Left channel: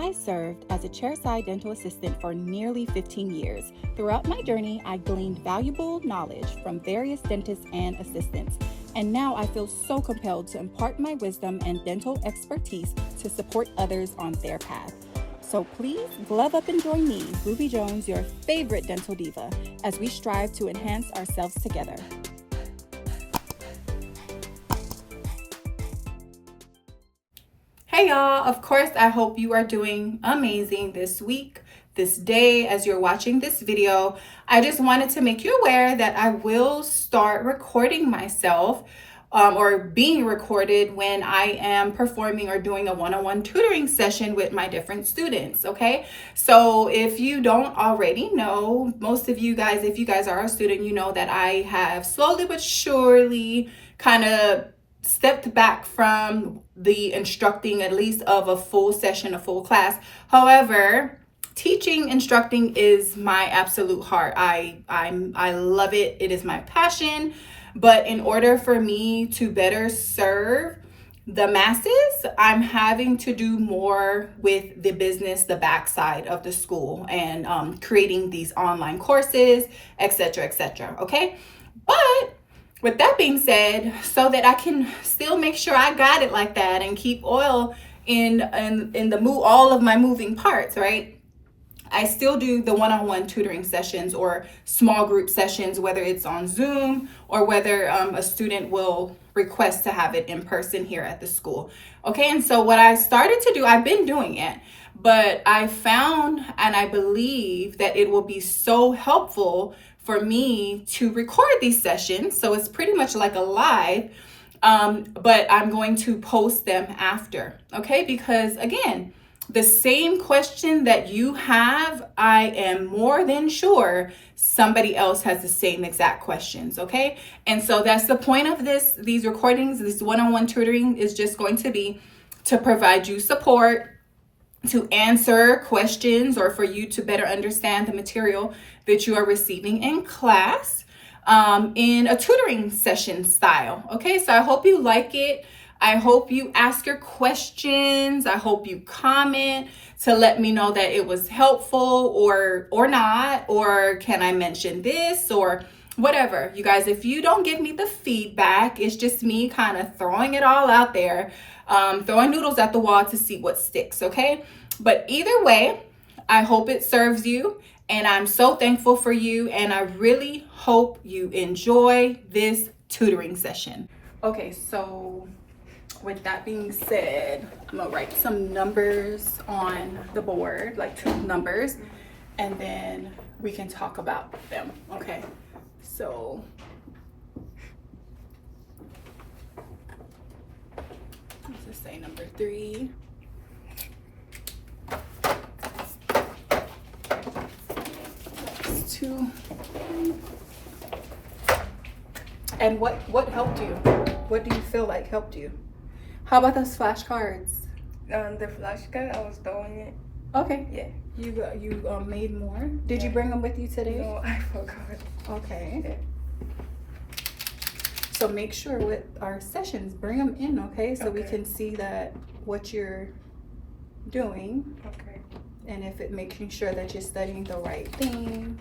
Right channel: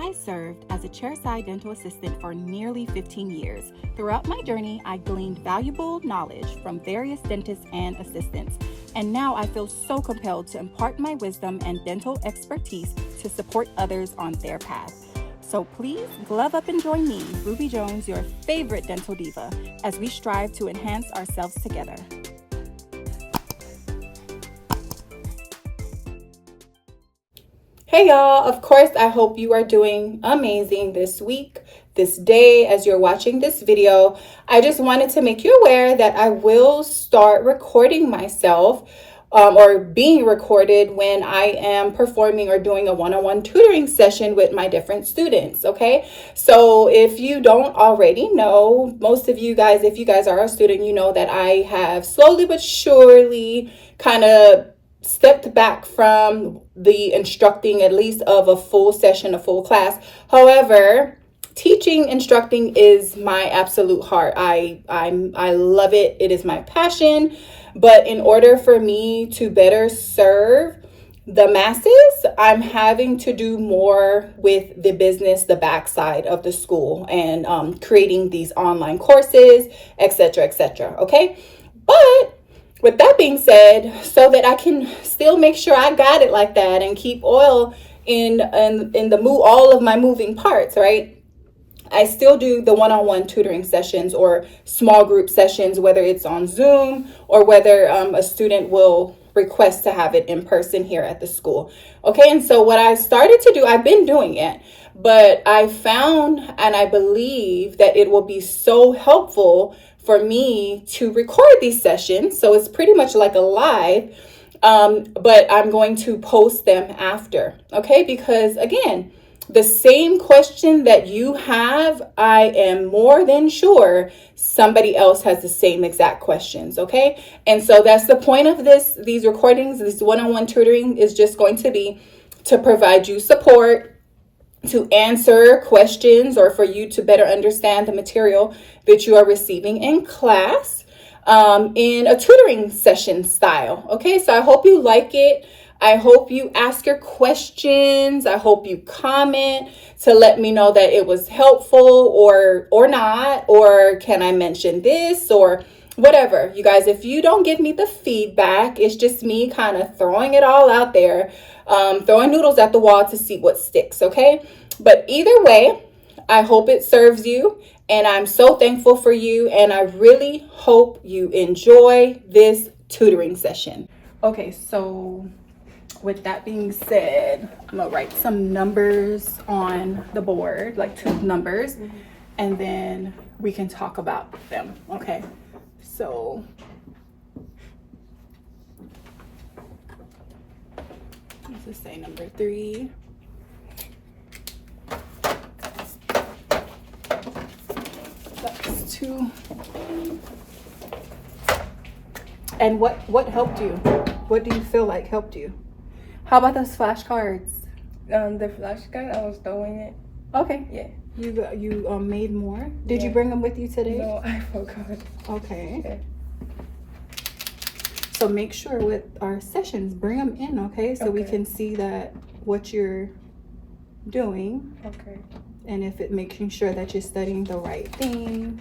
I served as a chairside dental assistant for nearly 15 years. Throughout my journey, I gleaned valuable knowledge from various dentists and assistants. And now I feel so compelled to impart my wisdom and dental expertise to support others on their path. So please glove up and join me, Ruby Jones, your favorite dental diva, as we strive to enhance ourselves together. Hey y'all, of course I hope you are doing amazing this week, this day as you're watching this video. I just wanted to make you aware that I will start recording myself or being recorded when I am performing or doing a one-on-one tutoring session with my different students, okay? So if you don't already know, most of you guys, if you guys are a student, you know that I have slowly but surely kind of stepped back from the instructing at least of a full session, a full class. However, instructing is my absolute heart. I love it. It is my passion. But in order for me to better serve the masses, I'm having to do more with the business, the backside of the school, and creating these online courses, etc., etc. Okay, but with that being said, so that I can still make sure I got it like that and keep oil in the all of my moving parts, right? I still do the one-on-one tutoring sessions or small group sessions, whether it's on Zoom or whether a student will request to have it in person here at the school. Okay, and so what I started to do, I've been doing it, but I found and I believe that it will be so helpful for me to record these sessions. So it's pretty much like a live, but I'm going to post them after, okay? Because again, the same question that you have, I am more than sure somebody else has the same exact questions, okay? And so that's the point of these recordings. This one-on-one tutoring is just going to be to provide you support, to answer questions, or for you to better understand the material that you are receiving in class in a tutoring session style. Okay, so I hope you like it. I hope you ask your questions. I hope you comment to let me know that it was helpful or not, or can I mention this or whatever. You guys, if you don't give me the feedback, it's just me kind of throwing it all out there, throwing noodles at the wall to see what sticks, okay? But either way, I hope it serves you, and I'm so thankful for you, and I really hope you enjoy this tutoring session. Okay, so with that being said, I'm gonna write some numbers on the board, like tooth numbers, and then we can talk about them, okay? So let's just say number 3. That's 2. And what helped you? What do you feel like helped you? How about those flashcards? The flashcard, I was throwing it. Okay. Yeah. You made more? Did you bring them with you today? No, I forgot. Okay. Yeah. So make sure with our sessions, bring them in, okay? So we can see that what you're doing. Okay. And if it making sure that you're studying the right thing.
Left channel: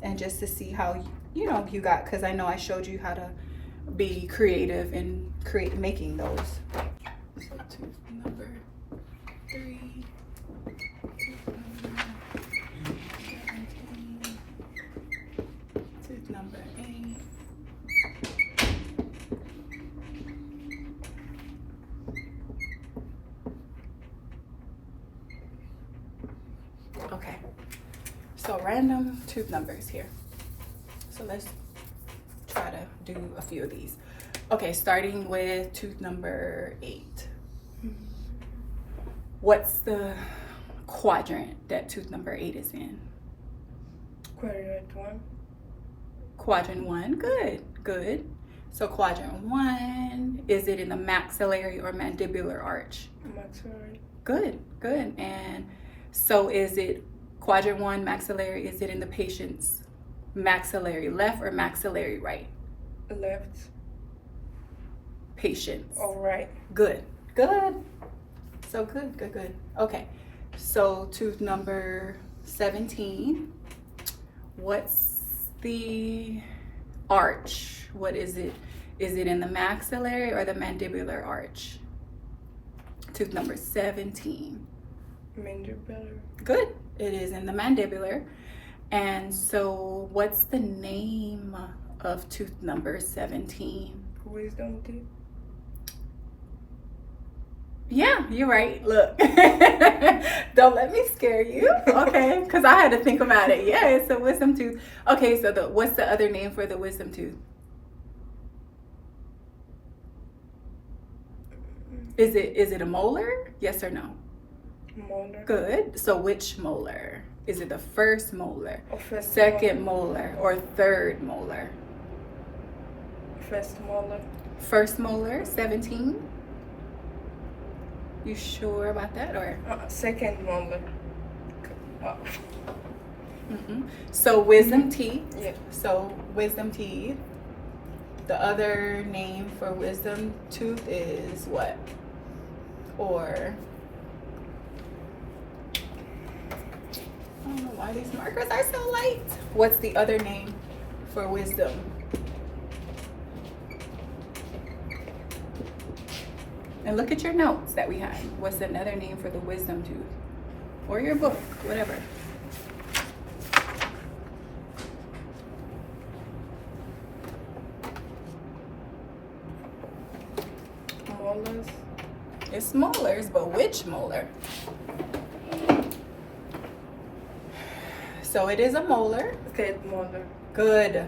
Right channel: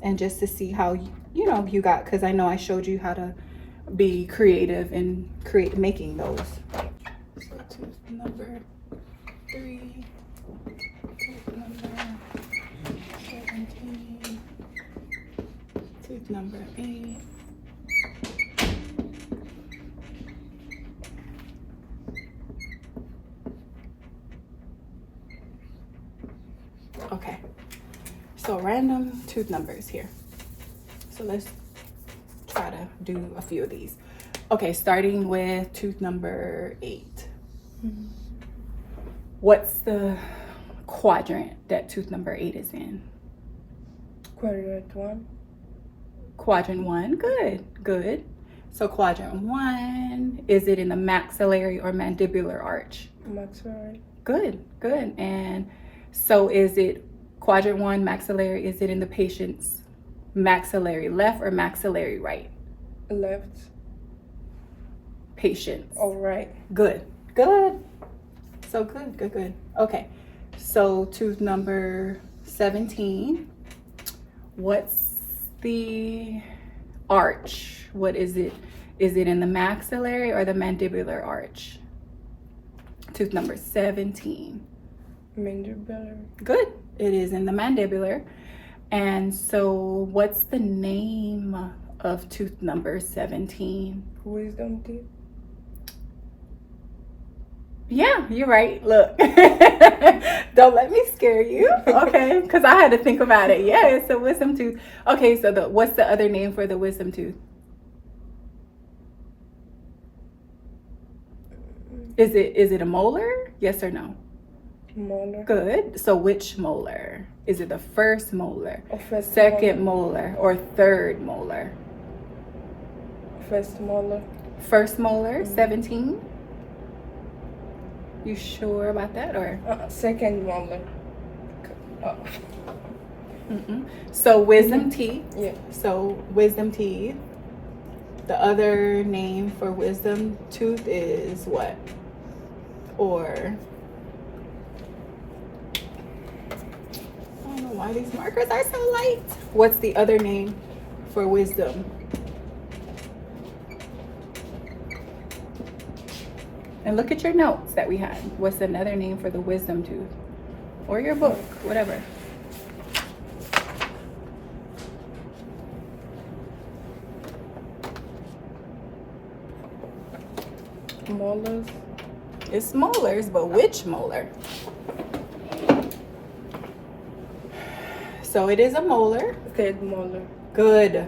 And just to see how, you got, because I know I showed you how to be creative and making those. So tooth number 3, tooth number 17, tooth number 8. Okay, so random tooth numbers here. So let's try to do a few of these. Okay, starting with tooth number 8. What's the quadrant that tooth number 8 is in? Quadrant 1. Quadrant 1, good. So quadrant 1, is it in the maxillary or mandibular arch? Maxillary. Good. And so is it quadrant 1 maxillary, is it in the patient's maxillary left or maxillary right? Left. Patients. All right. Good. So good, good, good. Okay, so tooth number 17. What's the arch? What is it? Is it in the maxillary or the mandibular arch? Tooth number 17. Mandibular. Good. It is in the mandibular. And so what's the name of tooth number 17? Wisdom teeth. Yeah, you're right. Look. Don't let me scare you. Okay. Because I had to think about it. Yeah, it's a wisdom tooth. Okay, so what's the other name for the wisdom tooth? Is it a molar? Yes or no? Molar. Good. So which molar? Is it the first molar, Or first second molar, or third molar? First molar. First molar, 17. You sure about that, or? Second molar. Oh. So wisdom teeth. Yeah. So wisdom teeth. The other name for wisdom tooth is what? Or I don't know why these markers are so light. What's the other name for wisdom? And look at your notes that we had. What's another name for the wisdom tooth? Or your book, whatever. Molars. It's molars, but which molar? So it is a molar. Third molar. Good.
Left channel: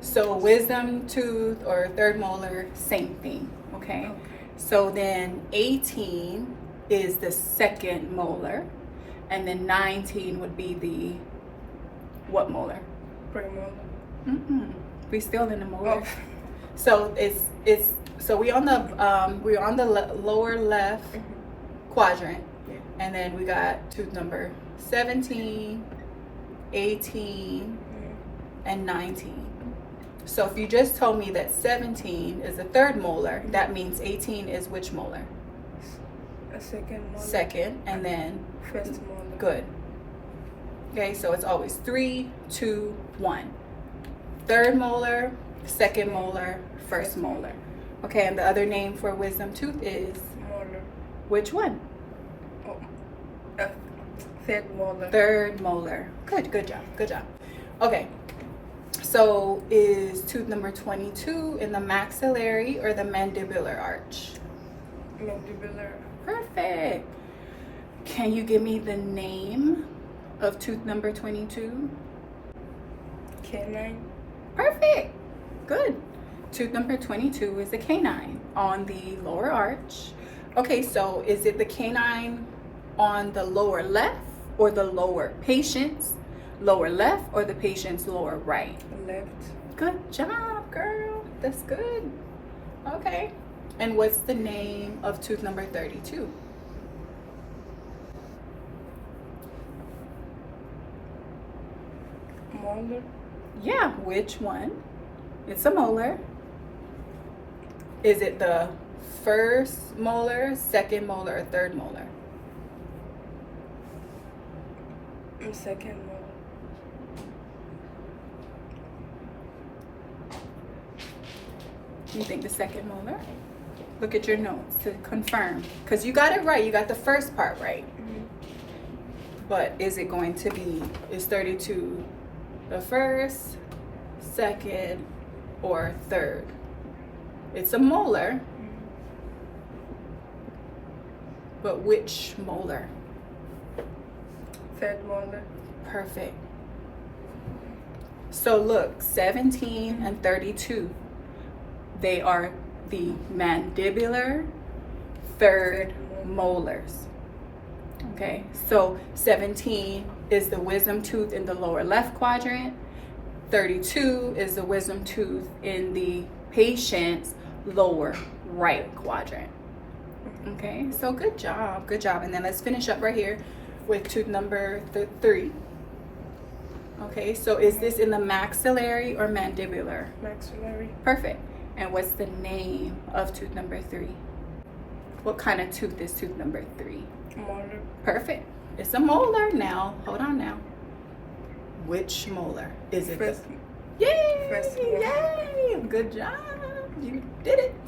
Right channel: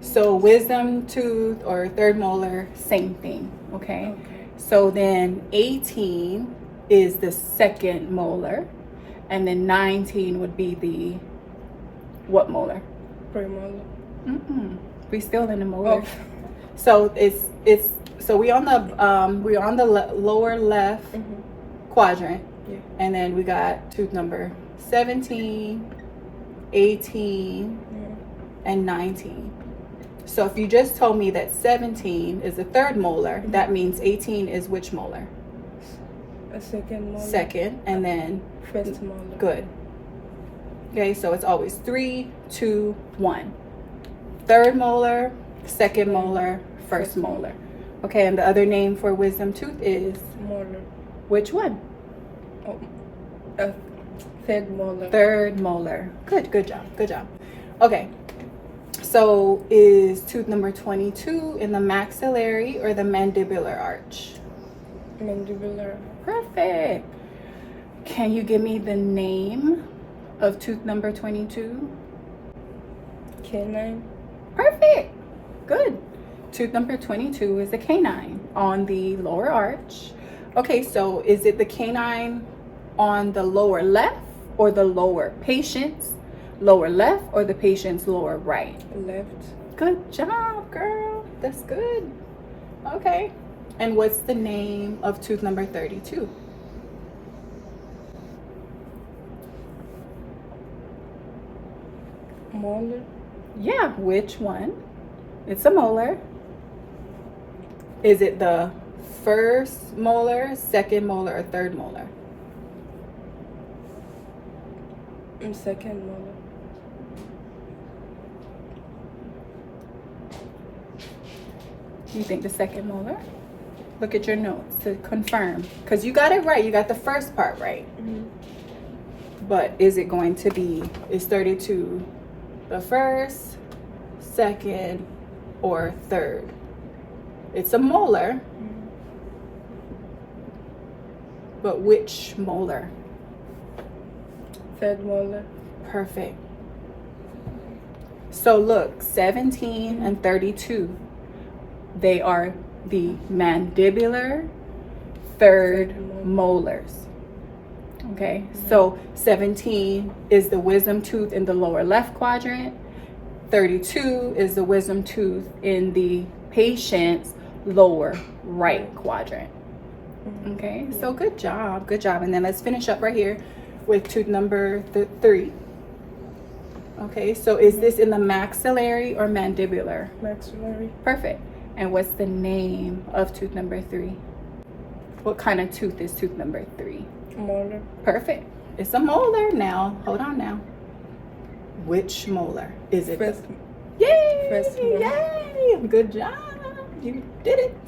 So wisdom tooth or third molar, same thing, okay? So then 18 is the second molar, and then 19 would be the what molar? Premolar. We still in the molar. Oh. So so we're on the lower left quadrant, Yeah. and then we got tooth number 17, 18, and 19. So if you just told me that 17 is the third molar, that means 18 is which molar? A second molar. Second, and then First molar. good. Okay, so it's always 3, 2, 1. Third molar, second molar, first molar. Okay, and the other name for wisdom tooth is Molar. which one? Oh. Third molar. Third molar. Good job, good job. Okay, so is tooth number 22 in the maxillary or the mandibular arch? Mandibular. Perfect. Can you give me the name of tooth number 22? Canine. Perfect. Good. Tooth number 22 is the canine on the lower arch. Okay, so is it the canine on the lower left or the lower patient's lower left or the patient's lower right? Left. Good job, girl. That's good. Okay. And what's the name of tooth number 32? Molar. Yeah, which one? It's a molar. Is it the first molar, second molar, or third molar? Second molar. You think the second molar? Look at your notes to confirm. Because you got it right. You got the first part right. But is it going to be, is 32 the first, second, or third? It's a molar. But which molar? Third molar. Perfect. So look, 17 and 32, they are the mandibular third molars. Okay, so 17 is the wisdom tooth in the lower left quadrant. 32 is the wisdom tooth in the patient's lower right quadrant. Okay, so good job, good job. And then let's finish up right here with tooth number 3. Okay, so is this in the maxillary or mandibular? Maxillary. Perfect. And what's the name of tooth number 3? What kind of tooth is tooth number 3? Molar. Perfect. It's a molar now. Hold on now. Which molar is it? First. Yay! First molar. Yay! Good job. You did it.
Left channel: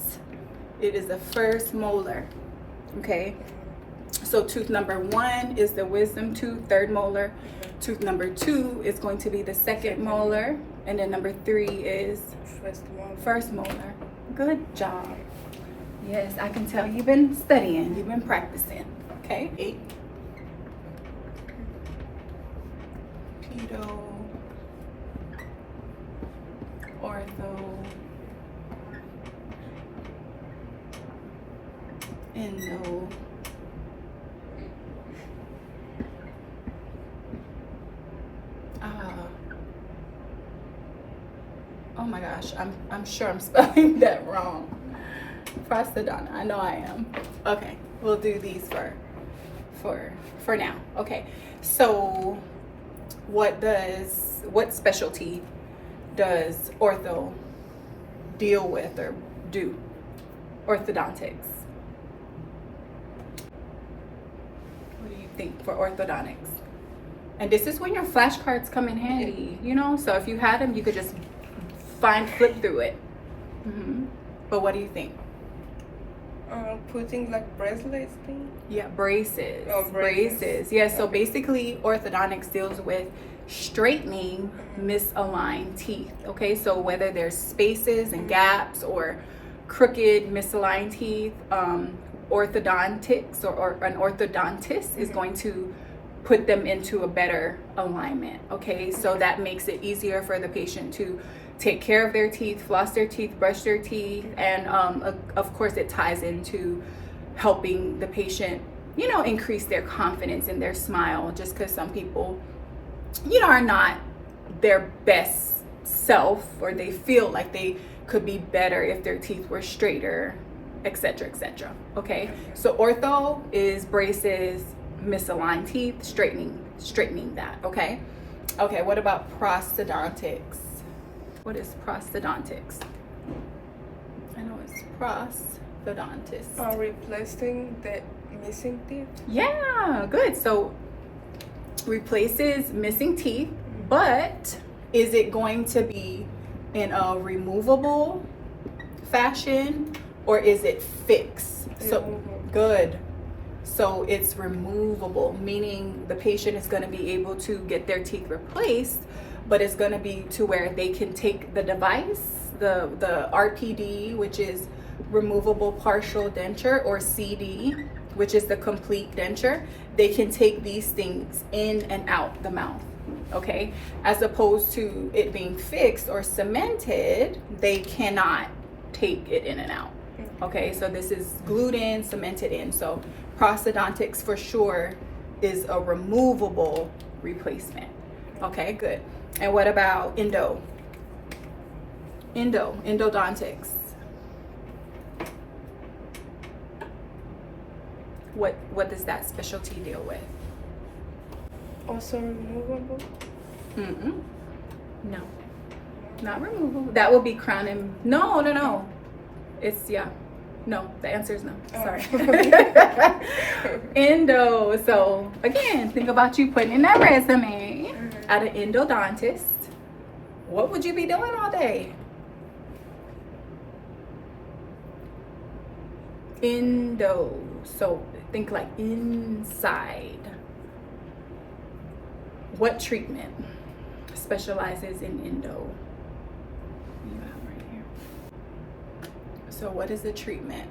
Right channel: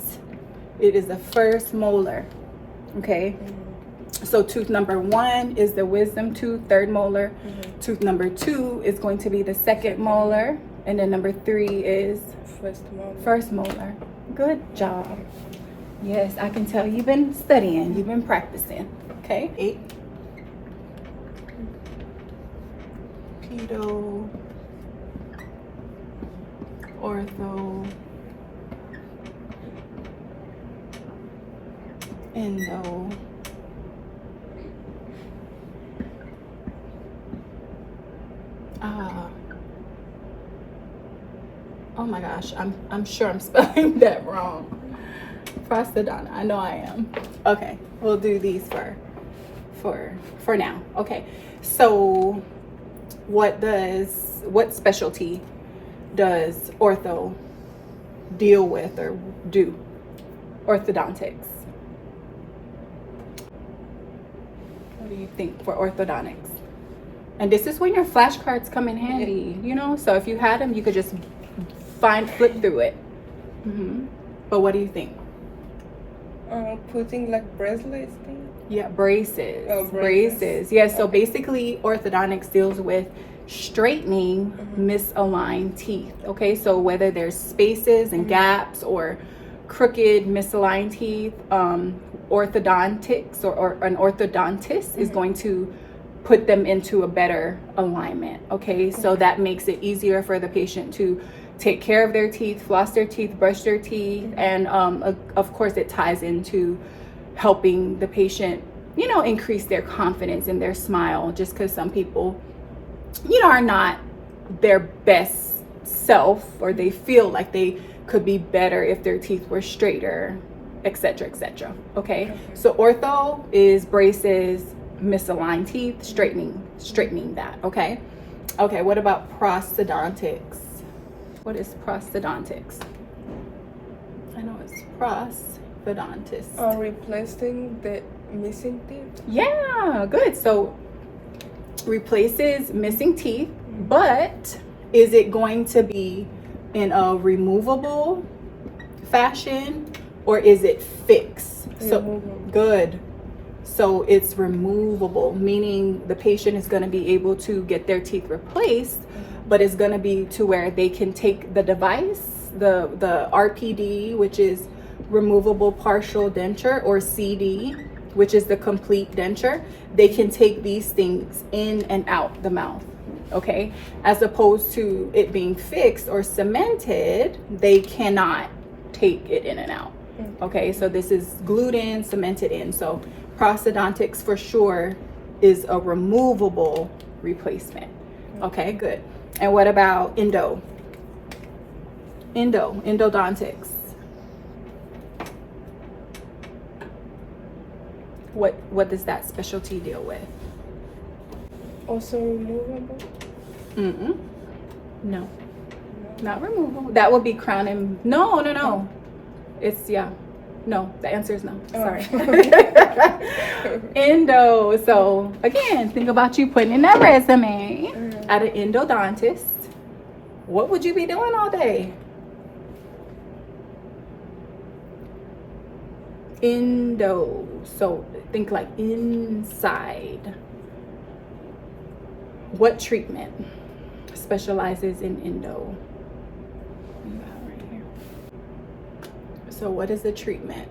It is the first molar. Okay. So tooth number 1 is the wisdom tooth, third molar. Tooth number 2 is going to be the second molar. And then number 3 is first molar. Good job. Yes, I can tell you've been studying. You've been practicing. Okay. 8. Pedo. Ortho. Endo. Oh my gosh, I'm sure I'm spelling that wrong. Prosthodont, I know I am. Okay, we'll do these for now. Okay, so what specialty does ortho deal with or do? Orthodontics. What do you think for orthodontics? And this is when your flashcards come in handy, you know? So if you had them, you could just flip through it. But what do you think? Putting like bracelets thing? Yeah, braces. Oh, braces. Yeah, so basically orthodontics deals with straightening misaligned teeth. Okay, so whether there's spaces and gaps or crooked misaligned teeth, orthodontics or an orthodontist is going to put them into a better alignment. Okay, so that makes it easier for the patient to take care of their teeth, floss their teeth, brush their teeth, and of course it ties into helping the patient, you know, increase their confidence in their smile, just because some people, you know, are not their best self, or they feel like they could be better if their teeth were straighter, etc., etc. Okay, so ortho is braces, misaligned teeth, straightening that. Okay, what about prosthodontics? What is prosthodontics? I know it's prosthodontist. Replacing the missing teeth. Yeah, good. So replaces missing teeth, but is it going to be in a removable fashion or is it fixed? So good. So it's removable, meaning the patient is going to be able to get their teeth replaced, but it's going to be to where they can take the device, the RPD, which is removable partial denture, or CD, which is the complete denture. They can take these things in and out the mouth, okay? As opposed to it being fixed or cemented, they cannot take it in and out, okay? So this is glued in, cemented in. So prosthodontics for sure is a removable replacement. Okay, good. And what about endodontics? What does that specialty deal with? Also removable? No, not removable. That would be crown and no. It's no, the answer is no. Sorry. Endo. So again, think about you putting in that resume at an endodontist. What would you be doing all day? Endo. So think like inside. What treatment specializes in endo? Right here. So what is the treatment?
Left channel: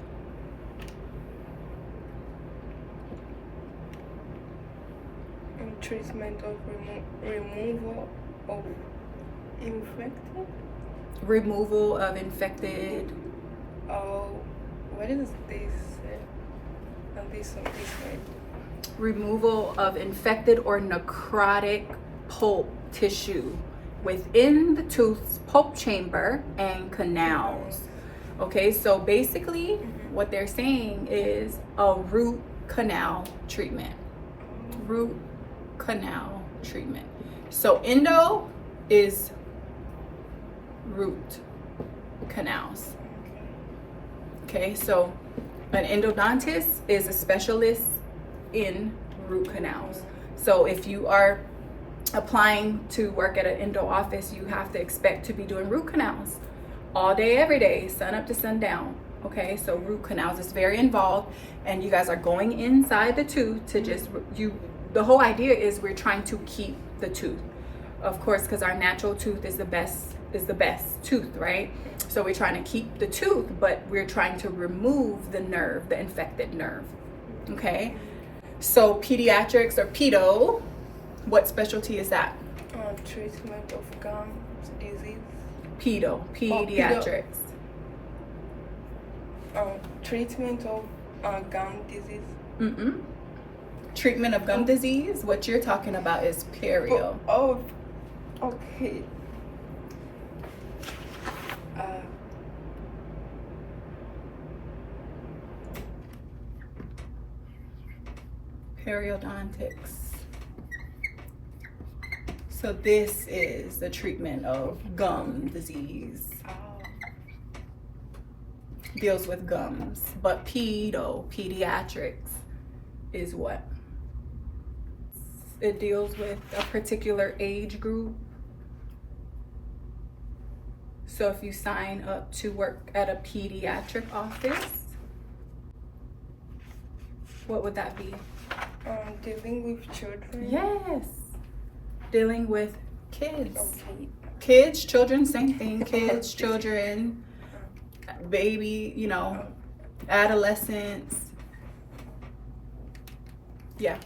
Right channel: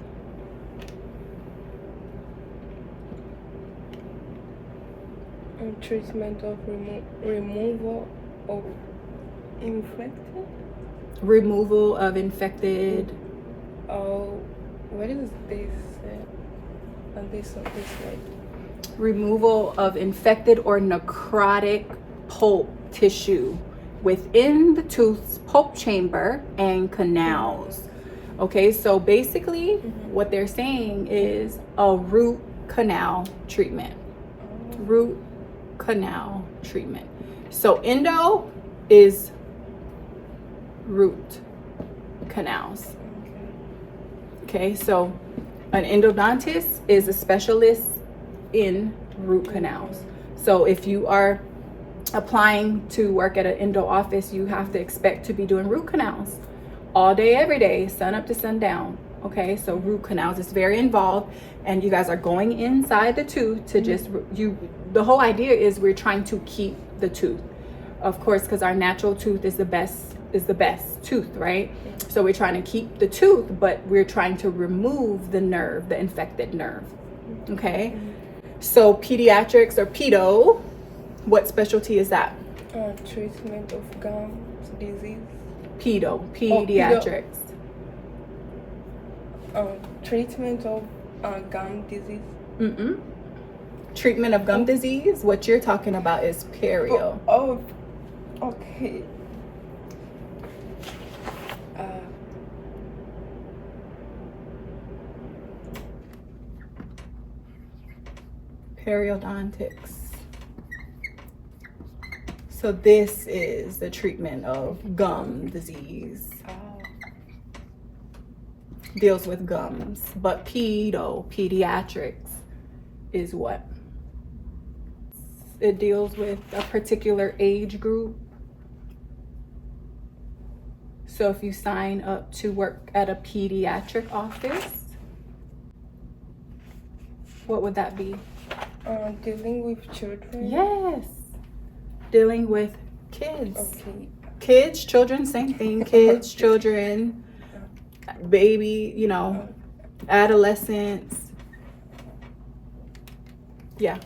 Treatment of removal of infected. Removal of infected. Oh, what is this? Oh, this way. Removal of infected or necrotic pulp tissue within the tooth's pulp chamber and canals. Okay, so basically what they're saying is a root canal treatment. Root canal treatment. So endo is root canals. Okay, so an endodontist is a specialist in root canals. So if you are applying to work at an endo office, you have to expect to be doing root canals all day, every day, sun up to sundown. Okay, so root canals is very involved, and you guys are going inside the tooth to just the whole idea is we're trying to keep the tooth, of course, because our natural tooth is the best tooth, right? So we're trying to keep the tooth, but we're trying to remove the nerve, the infected nerve. Okay, so pediatrics or pedo, what specialty is that? Treatment of gums disease. Pediatrics. Treatment of gum disease. Treatment of gum disease. What you're talking about is perio. Oh, okay. Periodontics. So this is the treatment of gum disease. Deals with gums, but pediatrics is what? It deals with a particular age group. So if you sign up to work at a pediatric office, what would that be? Dealing with children. Yes, dealing with kids. Okay. Kids, children, same thing. Kids, children, baby, you know, adolescents. Yeah.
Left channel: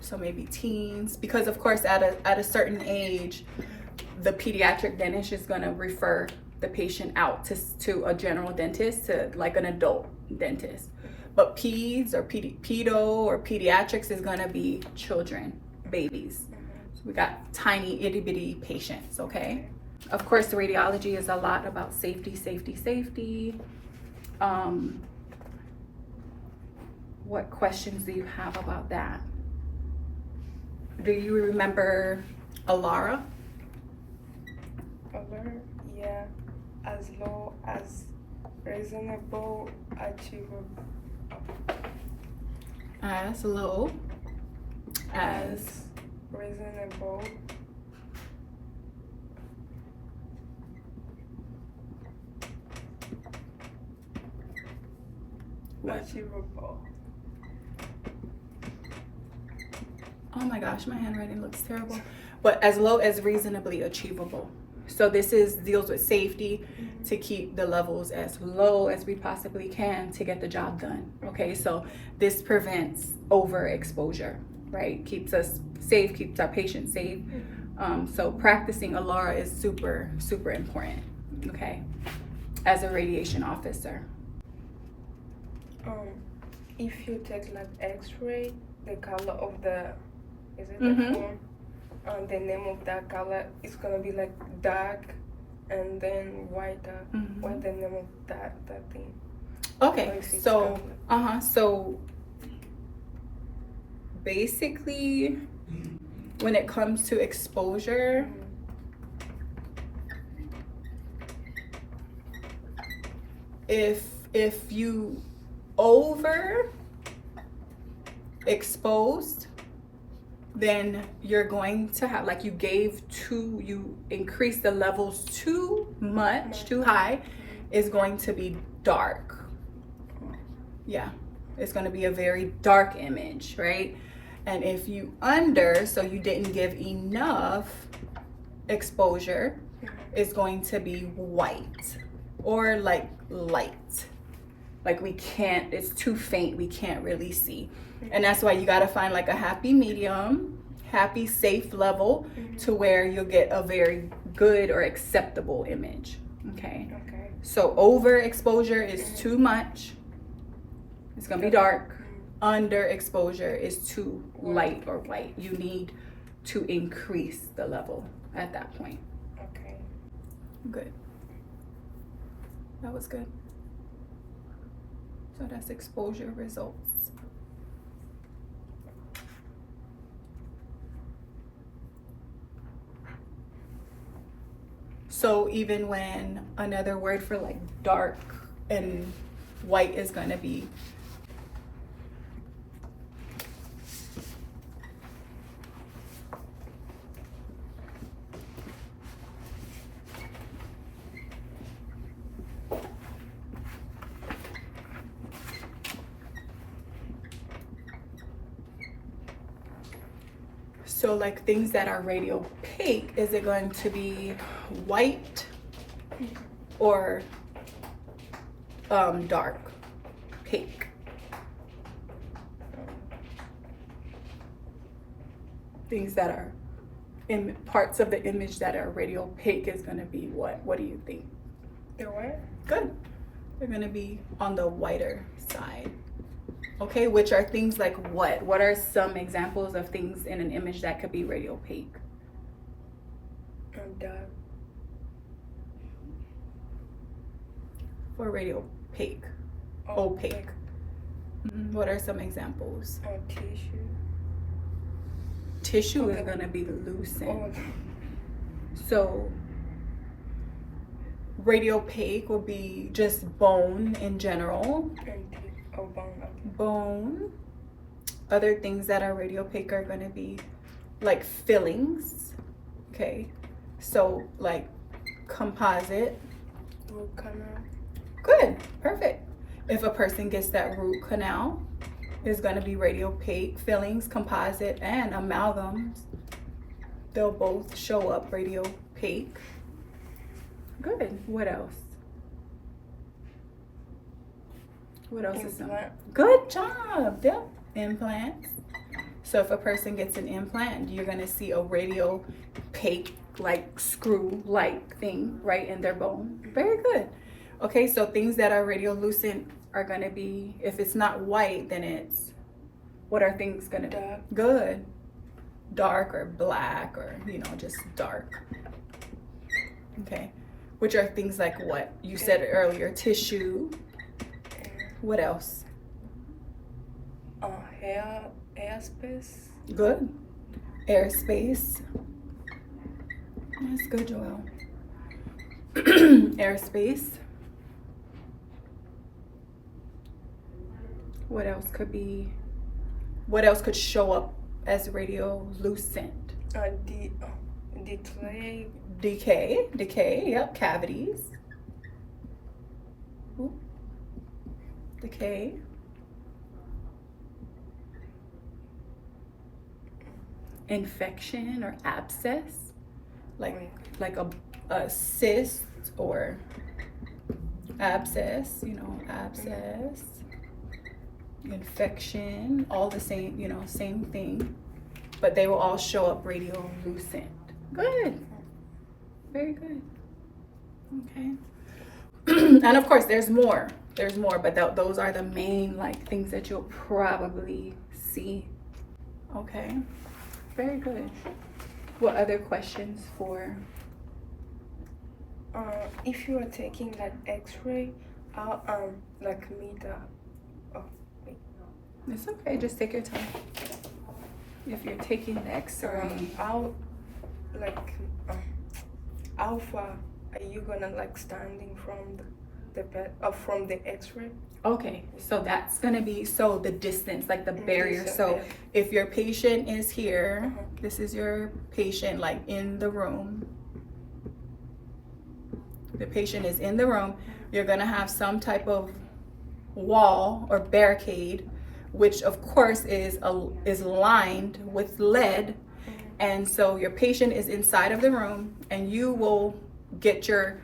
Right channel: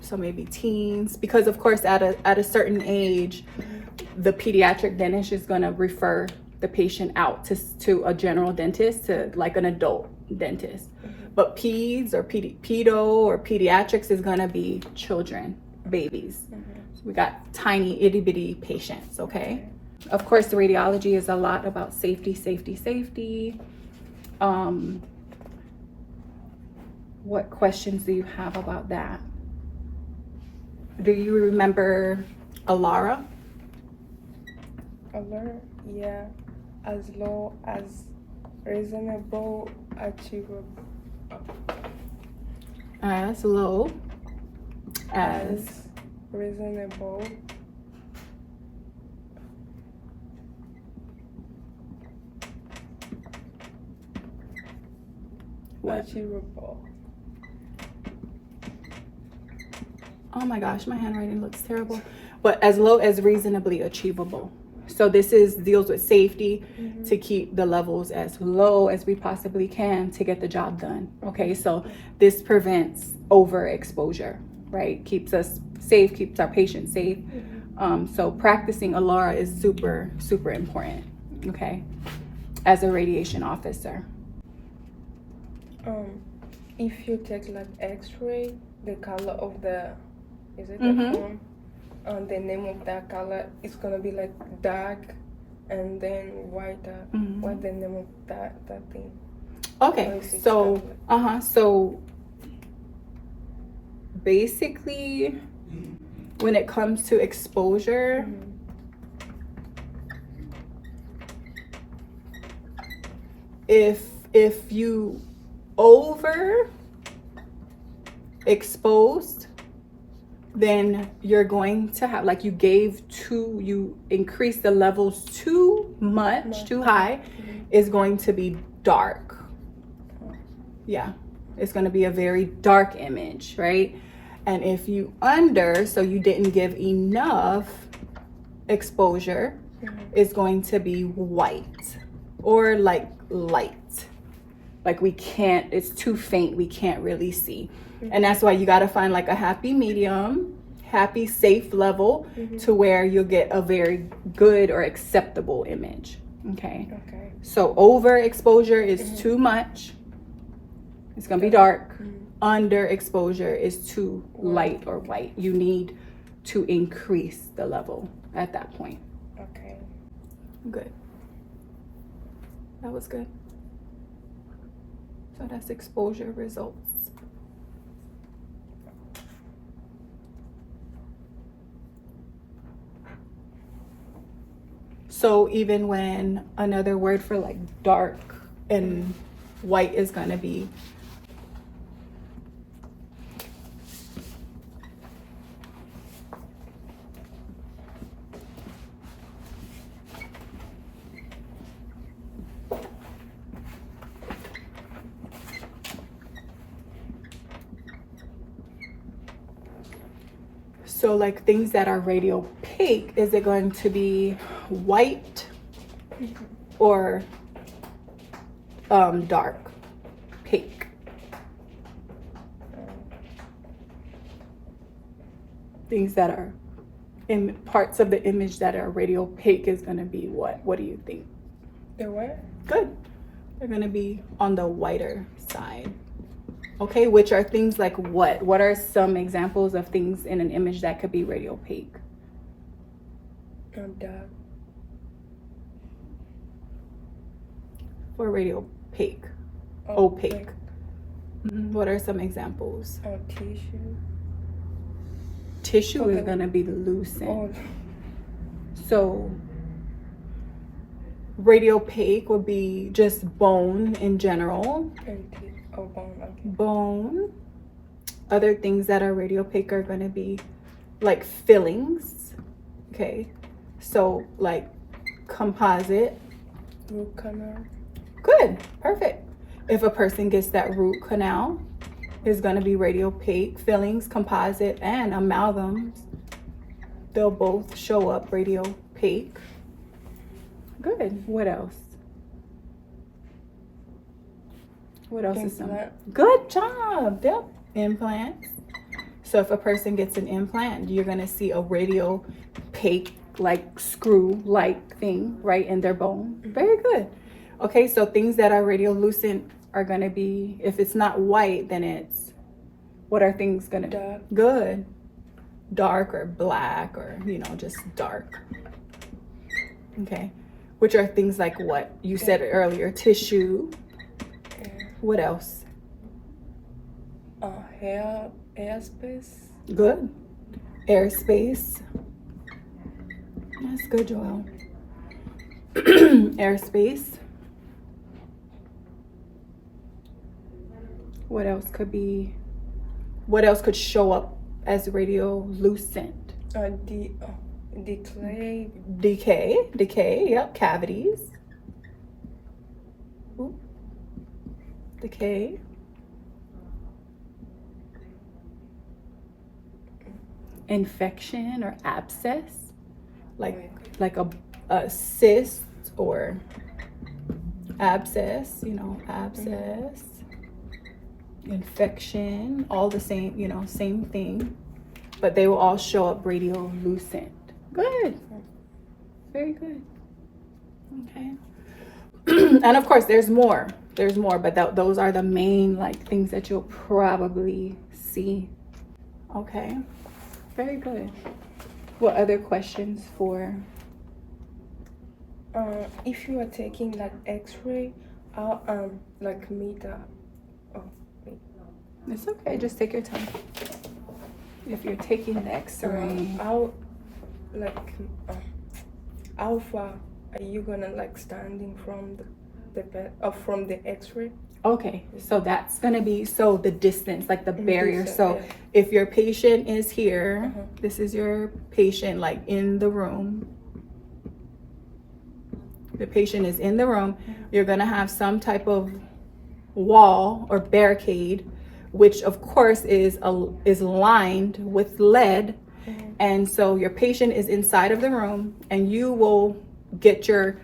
So maybe teens, because of course at a certain age, the pediatric dentist is going to refer the patient out to a general dentist, to like an adult dentist. But peds or pedo or pediatrics is going to be children, babies. So we got tiny itty bitty patients, okay? Of course, the radiology is a lot about safety. What questions do you have about that? Do you remember ALARA? ALARA, yeah. As low as reasonable, achievable. As low as reasonable, achievable. Oh my gosh, my handwriting looks terrible. But as low as reasonably achievable. So this deals with safety, to keep the levels as low as we possibly can to get the job done. Okay, so this prevents overexposure, right? Keeps us safe, keeps our patients safe. So practicing ALARA is super important, okay, as a radiation officer. If you take like X-ray, the color of the the form, the name of that color is gonna be like dark, and then whiter. What's the name of that thing? Okay, so so basically, when it comes to exposure, if you overexposed, then you're going to have, like, you increase the levels too much, too high, is going to be dark. Yeah, it's going to be a very dark image, right? And if you so you didn't give enough exposure, it's going to be white or like light. Like it's too faint, we can't really see. And that's why you got to find like a happy medium, happy safe level, to where you'll get a very good or acceptable image. Okay. So overexposure is too much, it's gonna be dark. Underexposure is too light or white. You need to increase the level at that point. Okay. Good. That was good. So that's exposure results. So even when another word for like dark and white is going to be. So like things that are radio opaque, is it going to be white or dark opaque? Things that are in parts of the image that are radio opaque is going to be what? What do you think? The what? Good. They're going to be on the whiter side. Okay, which are things like what? What are some examples of things in an image that could be radio opaque? Dark. For radio opaque. Opaque. What are some examples? Tissue. Tissue is going to be the lucent. So radio opaque would be just bone in general. Bone. Other things that are radio opaque are going to be like fillings. Okay, so like composite. Root canal. Good, perfect. If a person gets that root canal, it's going to be radio opaque. Fillings, composite, and amalgams, they'll both show up radio opaque. Good. What else? What else is some? Good job. Yep. Implants. So if a person gets an implant, you're going to see a radio opaque, like screw-like thing right in their bone. Very good. Okay, so things that are radiolucent are going to be, if it's not white, then it's, what are things going to be? Good. Dark or black or, you know, just dark. Okay. Which are things like what? You said it earlier, tissue. What else? Airspace. Good. Airspace. That's good, Joelle. Airspace. What else could be? What else could show up as radiolucent? Decay. Yep. Cavities. Ooh. Decay. Infection or abscess, like a cyst or abscess, you know, abscess, infection, all the same, you know, same thing, but they will all show up radiolucent. Good. Very good. Okay. And of course there's more, but those are the main like things that you'll probably see. Okay. Very good. What other questions for? If you are taking like X-ray, I'll like meet It's okay. Just take your time. If you're taking an X-ray, how far are you gonna like standing from the bed from the X-ray? Okay, so that's gonna be the distance, like the barrier. So if your patient is here, this is your patient like in the room. The patient is in the room. You're gonna have some type of wall or barricade, which of course is lined with lead. And so your patient is inside of the room, and you will get your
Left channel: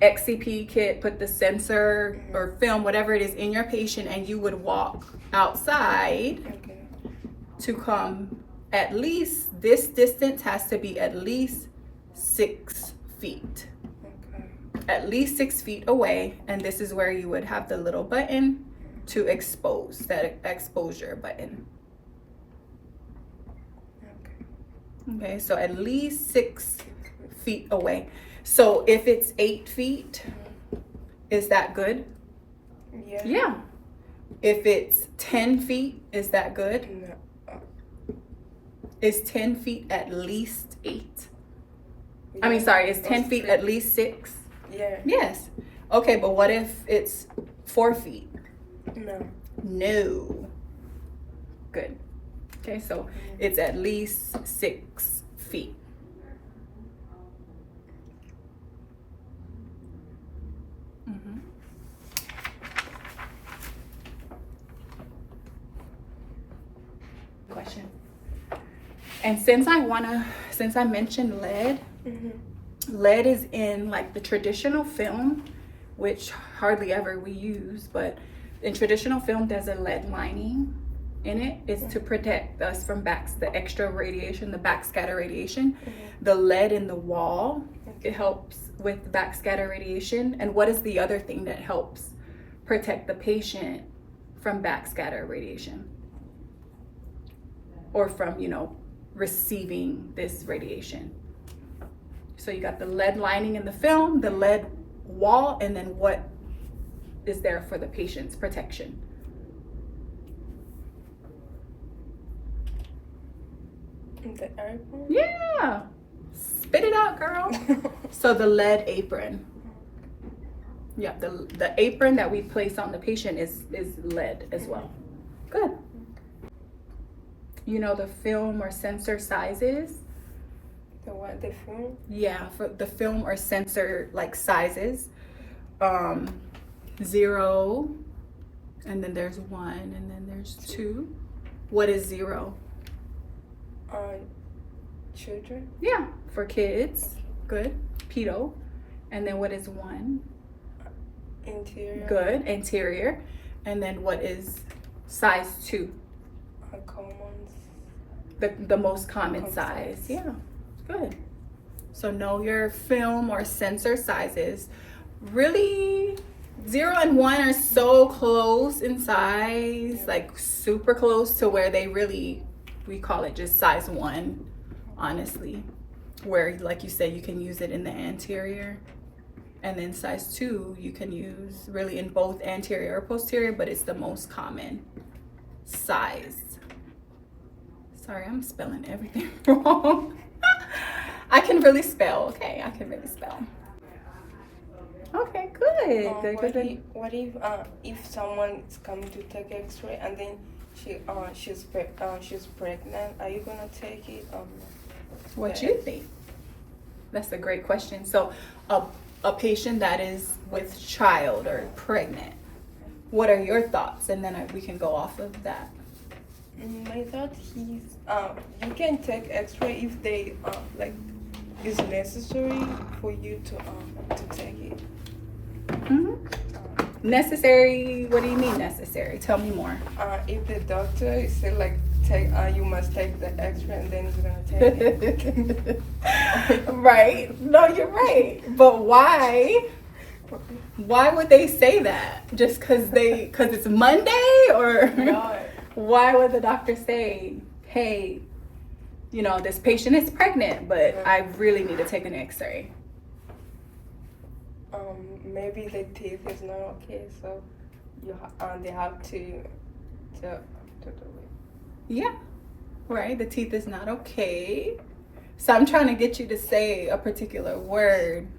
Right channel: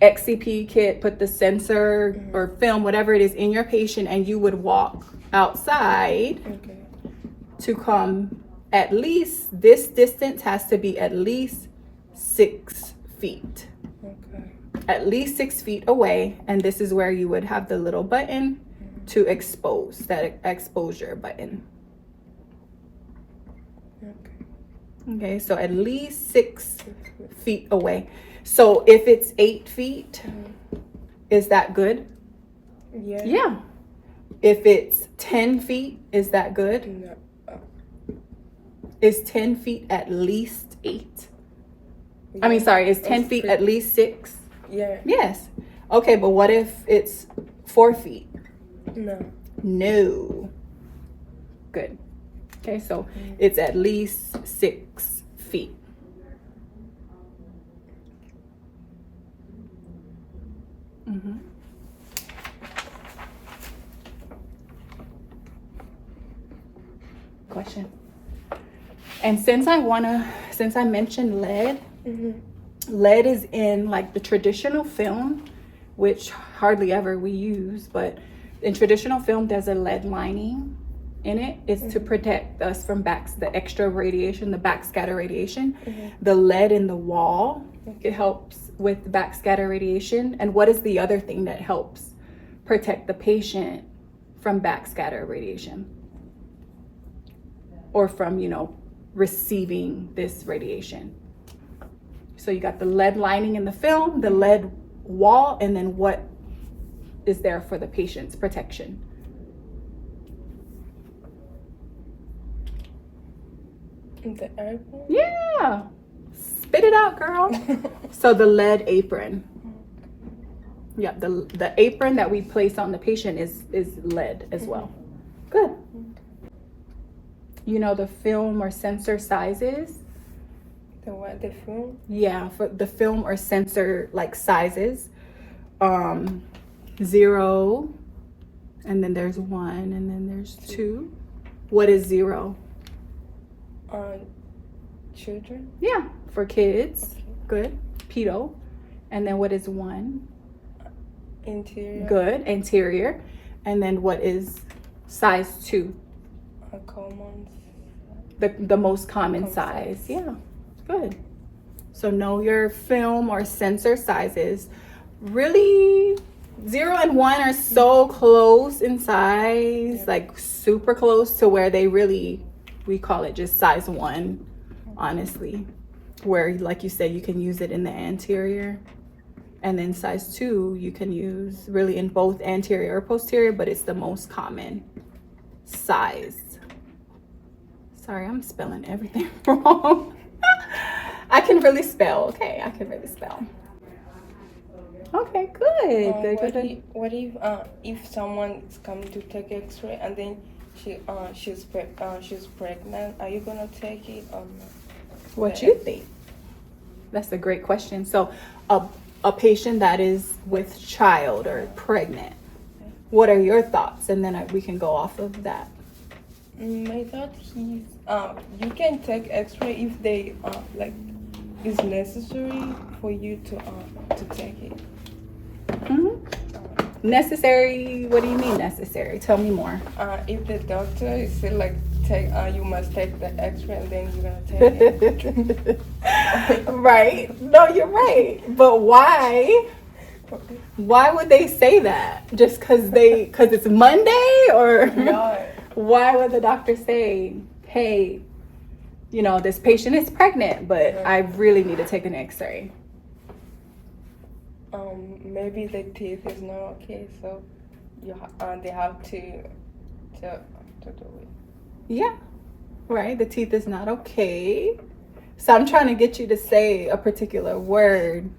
XCP kit, put the sensor or film, whatever it is, in your patient, and you would walk outside to come at least, this distance has to be at least 6 feet. At least 6 feet away, and this is where you would have the little button to expose, that exposure button. Okay, so at least 6 feet away. So if it's 8 feet, is that good? Yeah. If it's 10 feet, is that good? Is 10 feet at least 8? I mean, sorry, is 10 feet at least 6? Yeah. Yes. Okay, but what if it's 4 feet? No. No. Good. Okay, so it's at least 6 feet. Mm-hmm. Question. And since I mentioned lead, lead is in like the traditional film, which hardly ever we use, but in traditional film there's a lead lining in it. It's to protect us from the extra radiation, the backscatter radiation. The lead in the wall, it helps with the backscatter radiation. And what is the other thing that helps protect the patient from backscatter radiation, or from, you know, receiving this radiation? So you got the lead lining in the film, the lead wall, and then what is there for the patient's protection? The apron? Yeah, spit it out, girl. So the lead apron. Yeah, the apron that we place on the patient is lead as well. Good. You know the film or sensor sizes? The what? The film? Yeah, for the film or sensor like sizes. 0, and then there's 1, and then there's 2. What is 0? Children? Yeah, for kids. Good. Pedo. And then what is 1? Interior. Good. Anterior. And then what is size 2? Common. The most common size. Yeah. Good. So know your film or sensor sizes. Really, 0 and 1 are so close in size, like super close to where we call it just size 1, honestly. Where, like you said, you can use it in the anterior. And then size 2, you can use really in both anterior or posterior, but it's the most common size. Sorry, I'm spelling everything wrong. I can really spell, okay? I can really spell. Okay, good. What if someone is coming to take X-ray and then she's pregnant? Are you gonna take it? What you think? That's a great question. So, a patient that is with child or pregnant, what are your thoughts? And then we can go off of that. I thought you can take X-ray if they like is necessary for you to take it. Necessary? What do you mean necessary? Tell me more. If the doctor is still like you must take the X-ray and then you're gonna take it. Right. No, you're right. But why? Why would they say that? Just because it's Monday, or No. Why would the doctor say, hey, you know, this patient is pregnant, but I really need to take an X-ray? Maybe the teeth is not okay, so they have to do it. Yeah, right. The teeth is not okay. So I'm trying to get you to say a particular word.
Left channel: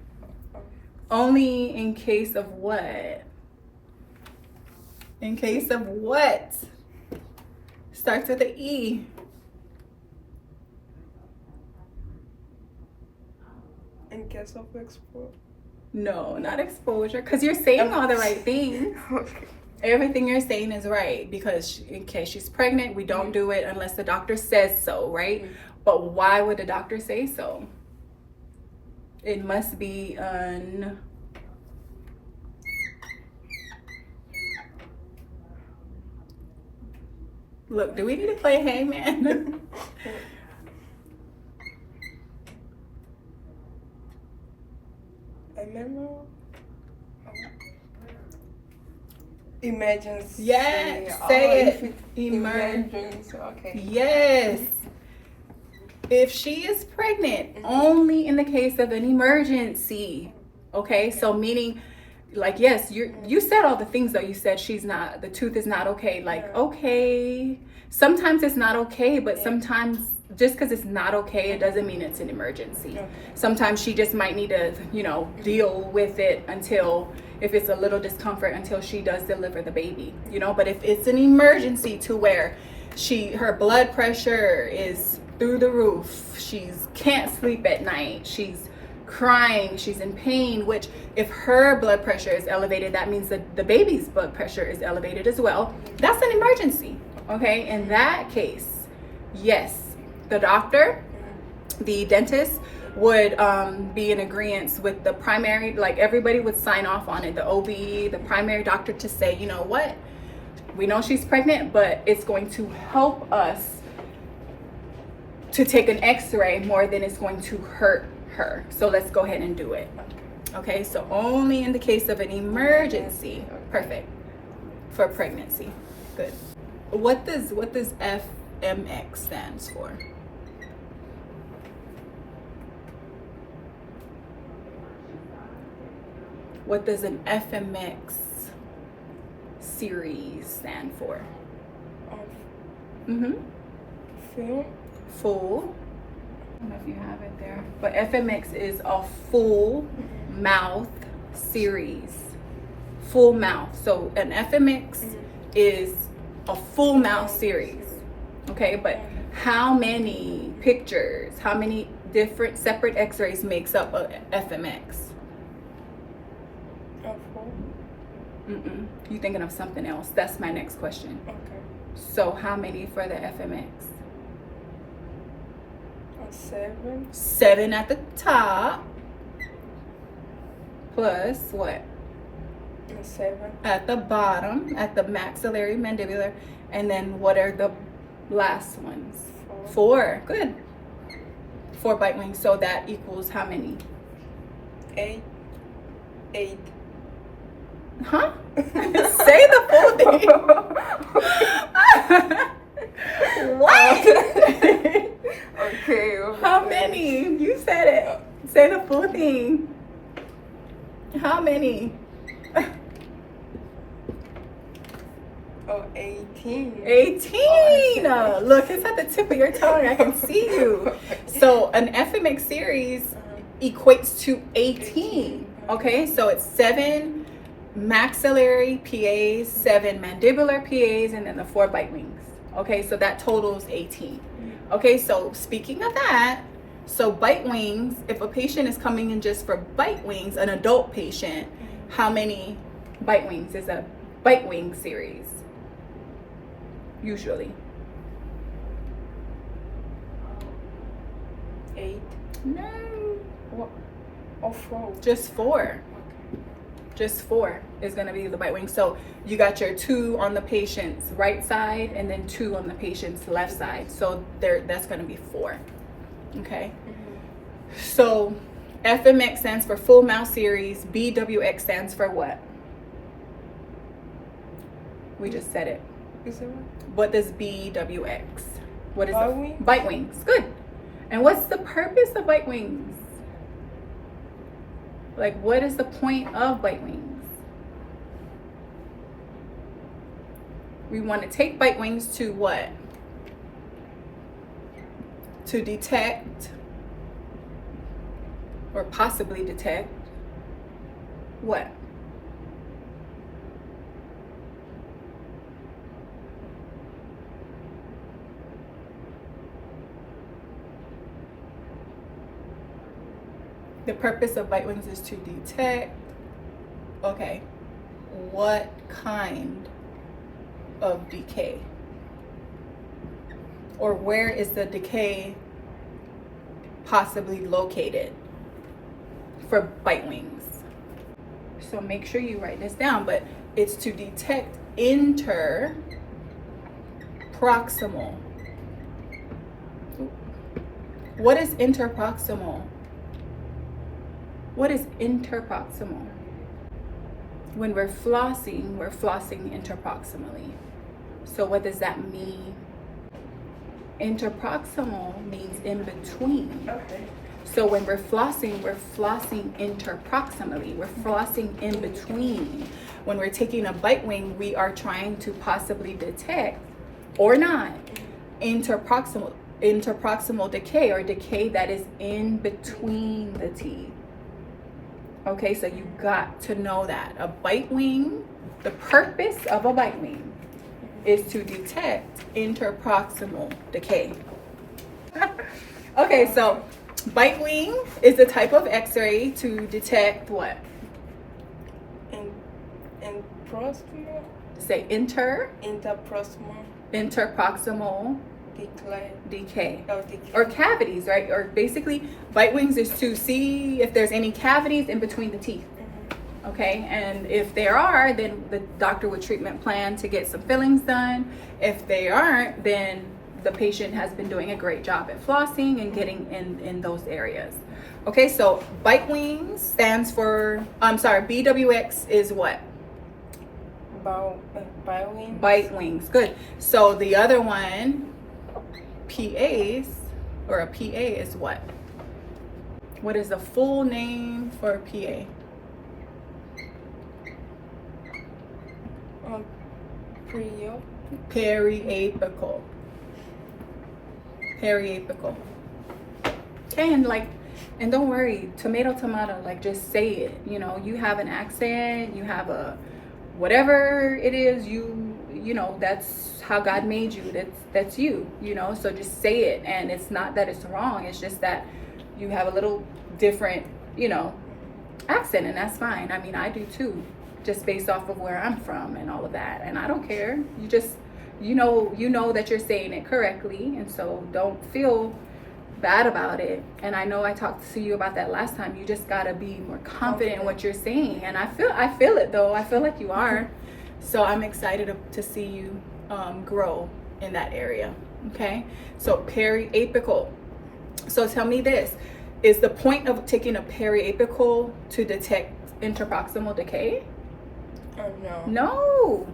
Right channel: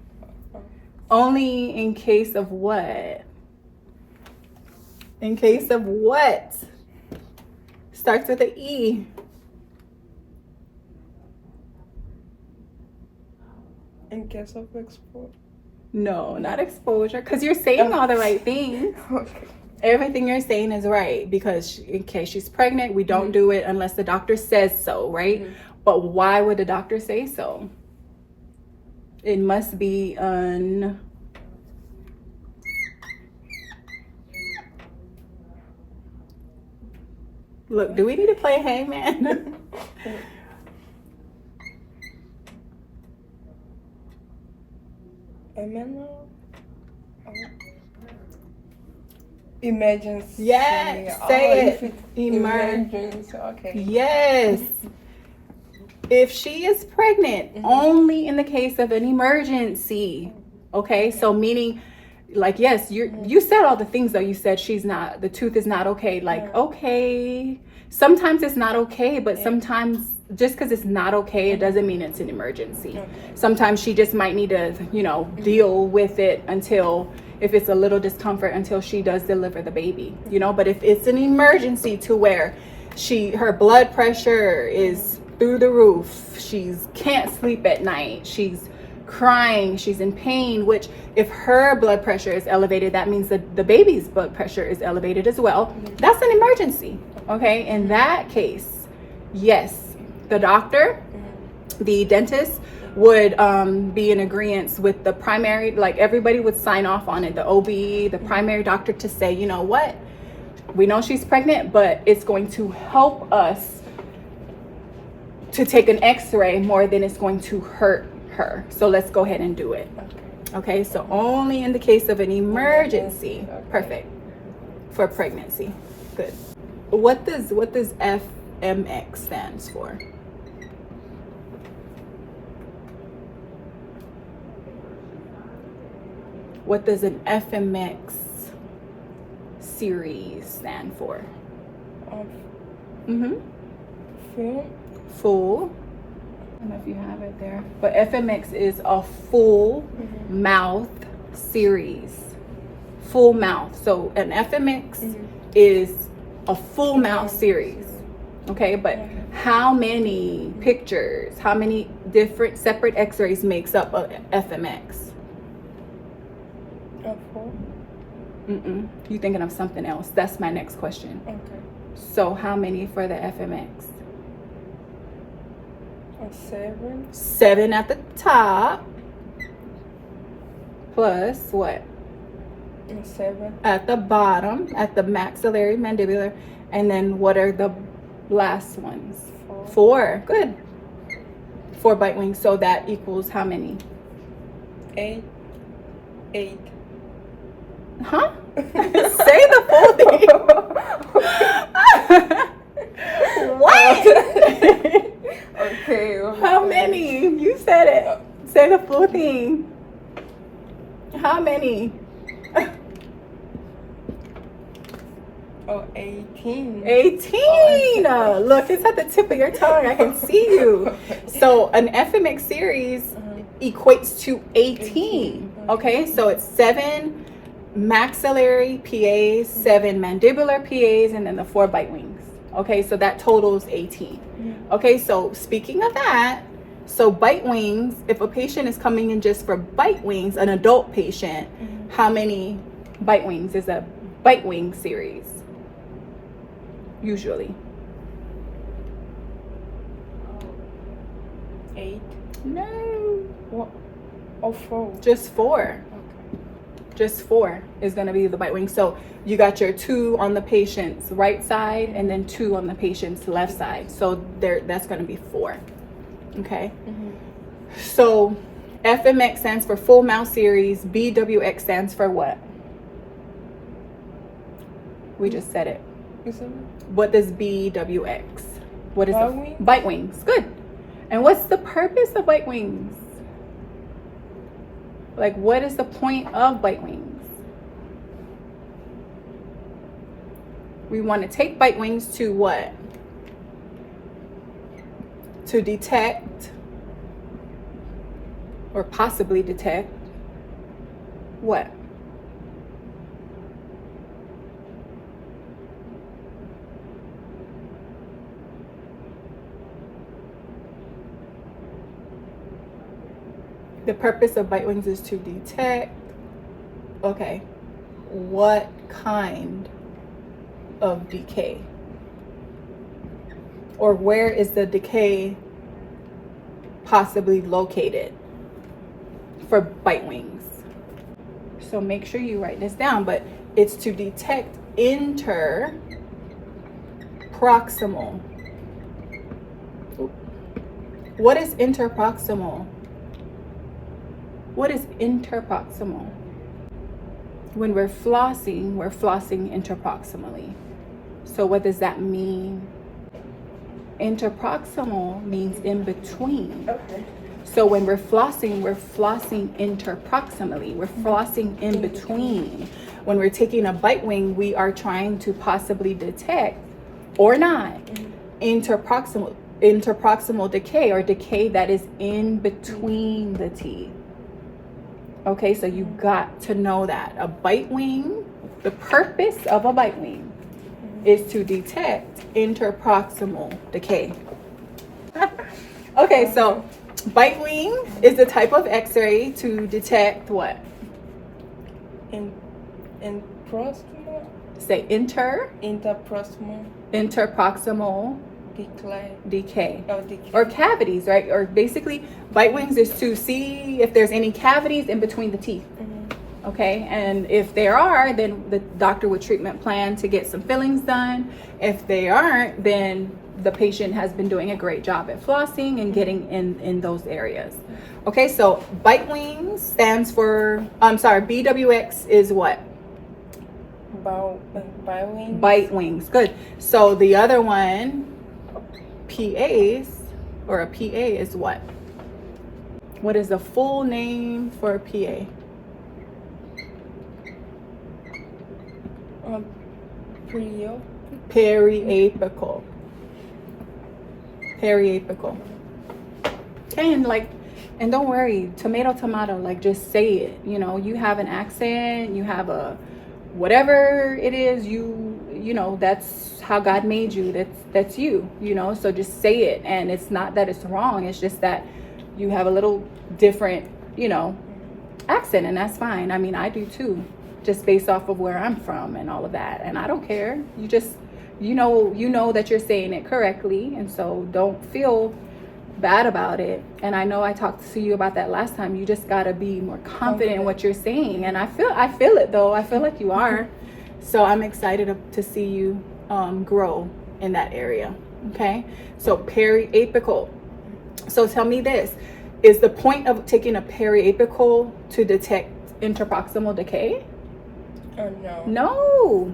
Only in case of what? In case of what? Starts with an E. In case of exposure. No, not exposure, because you're saying all the right things. Okay. Everything you're saying is right, because in case she's pregnant, we don't do it unless the doctor says so, right? But why would the doctor say so? It must be Look, do we need to play Hangman? Emergency. Yes, say it. Emergency. Okay. Yes. If she is pregnant, only in the case of an emergency. Okay, so meaning, like, yes, you said all the things though. You said the tooth is not okay. Like, okay, sometimes it's not okay, but sometimes just because it's not okay, it doesn't mean it's an emergency. Sometimes she just might need to, deal with it until if it's a little discomfort until she does deliver the baby, you know. But if it's an emergency to where her blood pressure is through the roof, she's can't sleep at night, she's crying, she's in pain, which if her blood pressure is elevated, that means that the baby's blood pressure is elevated as well. That's an emergency. Okay, in that case, yes, the doctor, the dentist would be in agreement with the primary, like everybody would sign off on it, the OB, the primary doctor, to say, you know what, we know she's pregnant, but it's going to help us to take an x-ray more than it's going to hurt her. So let's go ahead and do it. Okay, so only in the case of an emergency. Perfect. For pregnancy. Good. What does FMX stands for? What does an FMX series stand for? Full. I don't know if you have it there, but FMX is a full mouth series. Full mouth. So an FMX is a full mouth series. Okay, but how many pictures, how many different separate x-rays makes up a FMX? You thinking of something else? That's my next question. Okay. So how many for the FMX? 7. 7 at the top. Plus what? And 7 at the bottom, at the maxillary mandibular. And then what are the last ones? 4. Good. 4 bite wings. So that equals how many? 8. Huh? Say the full thing. What? Okay. How many? You said it. Say the full thing. How many? 18. 18. Look, it's at the tip of your tongue. I can see you. So an FMX series equates to 18. Okay, so it's 7 maxillary PAs, 7 mandibular PAs, and then the 4 bite wings. Okay, so that totals 18. Okay, so speaking of that, so bite wings, if a patient is coming in just for bite wings, an adult patient, how many bite wings is a bite wing series? Usually. 8. No. What? Oh, 4. Just 4. Just 4 is going to be the bite wing. So you got your 2 on the patient's right side and then 2 on the patient's left side. So that's going to be 4. Okay. So FMX stands for full mouth series. BWX stands for what? We just said it. What does BWX? What is it? Bite wings. Good. And what's the purpose of bite wings? Like, what is the point of bite wings? We want to take bite wings to what? To detect or possibly detect what? The purpose of bite wings is to detect, okay, what kind of decay? Or where is the decay possibly located for bite wings? So make sure you write this down, but it's to detect interproximal. What is interproximal? What is interproximal? When we're flossing interproximally. So what does that mean? Interproximal means in between. Okay. So when we're flossing interproximally. We're flossing in between. When we're taking a bite wing, we are trying to possibly detect or not interproximal decay, or decay that is in between the teeth. Okay, so you got to know that. A bite wing, the purpose of a bite wing is to detect interproximal decay. Okay, so bite wing is the type of x-ray to detect what? In proximal. Say Interproximal interproximal decay. or cavities, right? Or basically bite wings is to see if there's any cavities in between the teeth. Okay, and if there are, then the doctor would treatment plan to get some fillings done. If they aren't, then the patient has been doing a great job at flossing and getting in those areas. Okay, so bite wings stands for, BWX is what? Bite wings, good. So the other one, PAs, or a PA is what? What is the full name for a PA? Periapical. Periapical. Okay, and don't worry, tomato, like just say it. You know, you have an accent, you have a whatever it is, you know, that's how God made you. That's you, you know, so just say it. And it's not that it's wrong, it's just that you have a little different, you know, accent, and that's fine. I mean, I do too, just based off of where I'm from and all of that. And I don't care. You just, you know that you're saying it correctly, and so don't feel bad about it. And I know I talked to you about that last time. You just gotta be more confident in what you're saying, and I feel it though. I feel like you are. So I'm excited to see you grow in that area. Okay, so periapical. So tell me this, is the point of taking a periapical to detect interproximal decay? No.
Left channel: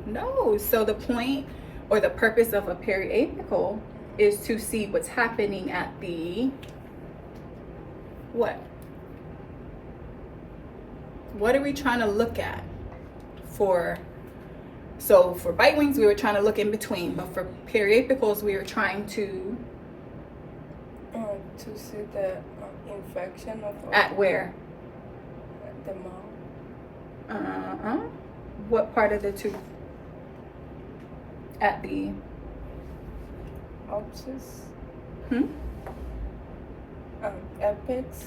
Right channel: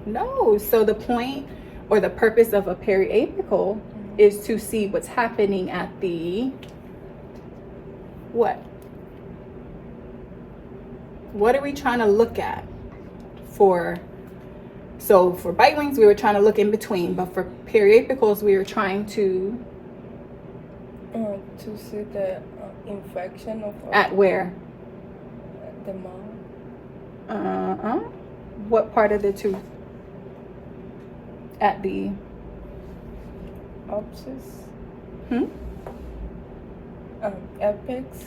So the point or the purpose of a periapical is to see what's happening at the what? What are we trying to look at for? So for bite wings, we were trying to look in between, but for periapicals, we were trying to see the infection of at where? The mouth. What part of the tooth? At the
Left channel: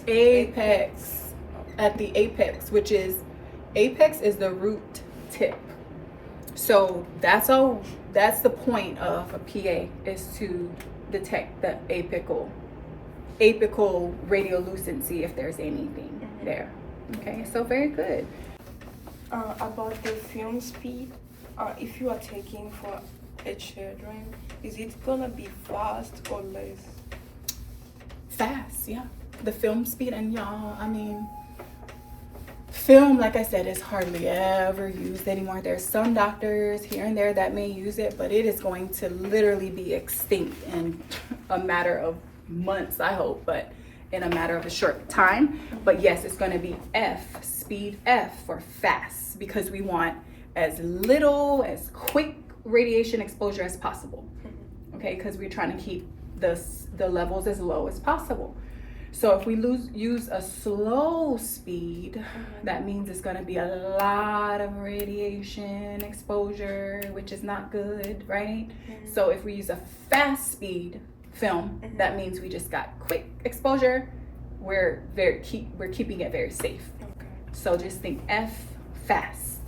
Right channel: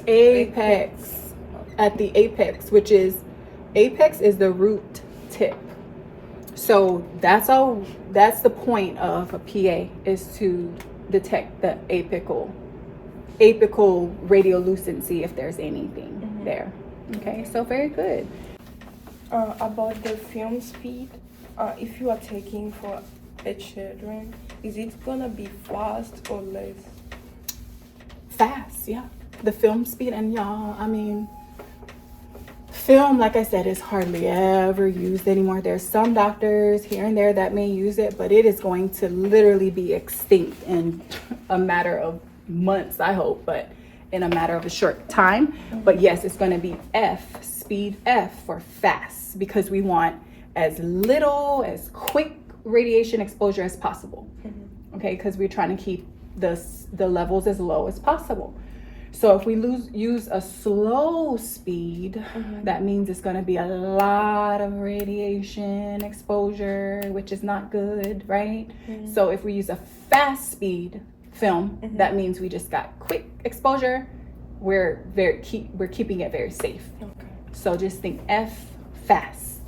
apex. At the apex, which is apex is the root tip. So that's the point of a PA, is to detect the apical radiolucency, if there's anything there. Okay, so very good. About the film speed, if you are taking for a children, is it gonna be fast or less? Fast, yeah. The film speed, and y'all, I mean, film, like I said, is hardly ever used anymore. There's some doctors here and there that may use it, but it is going to literally be extinct in a matter of months, I hope, but in a matter of a short time. But yes, it's going to be speed F for fast, because we want as quick radiation exposure as possible. Okay, because we're trying to keep the levels as low as possible. So if we use a slow speed, that means it's going to be a lot of radiation exposure, which is not good, right? So if we use a fast speed film, that means we just got quick exposure. We're keeping it very safe. So just think F, fast.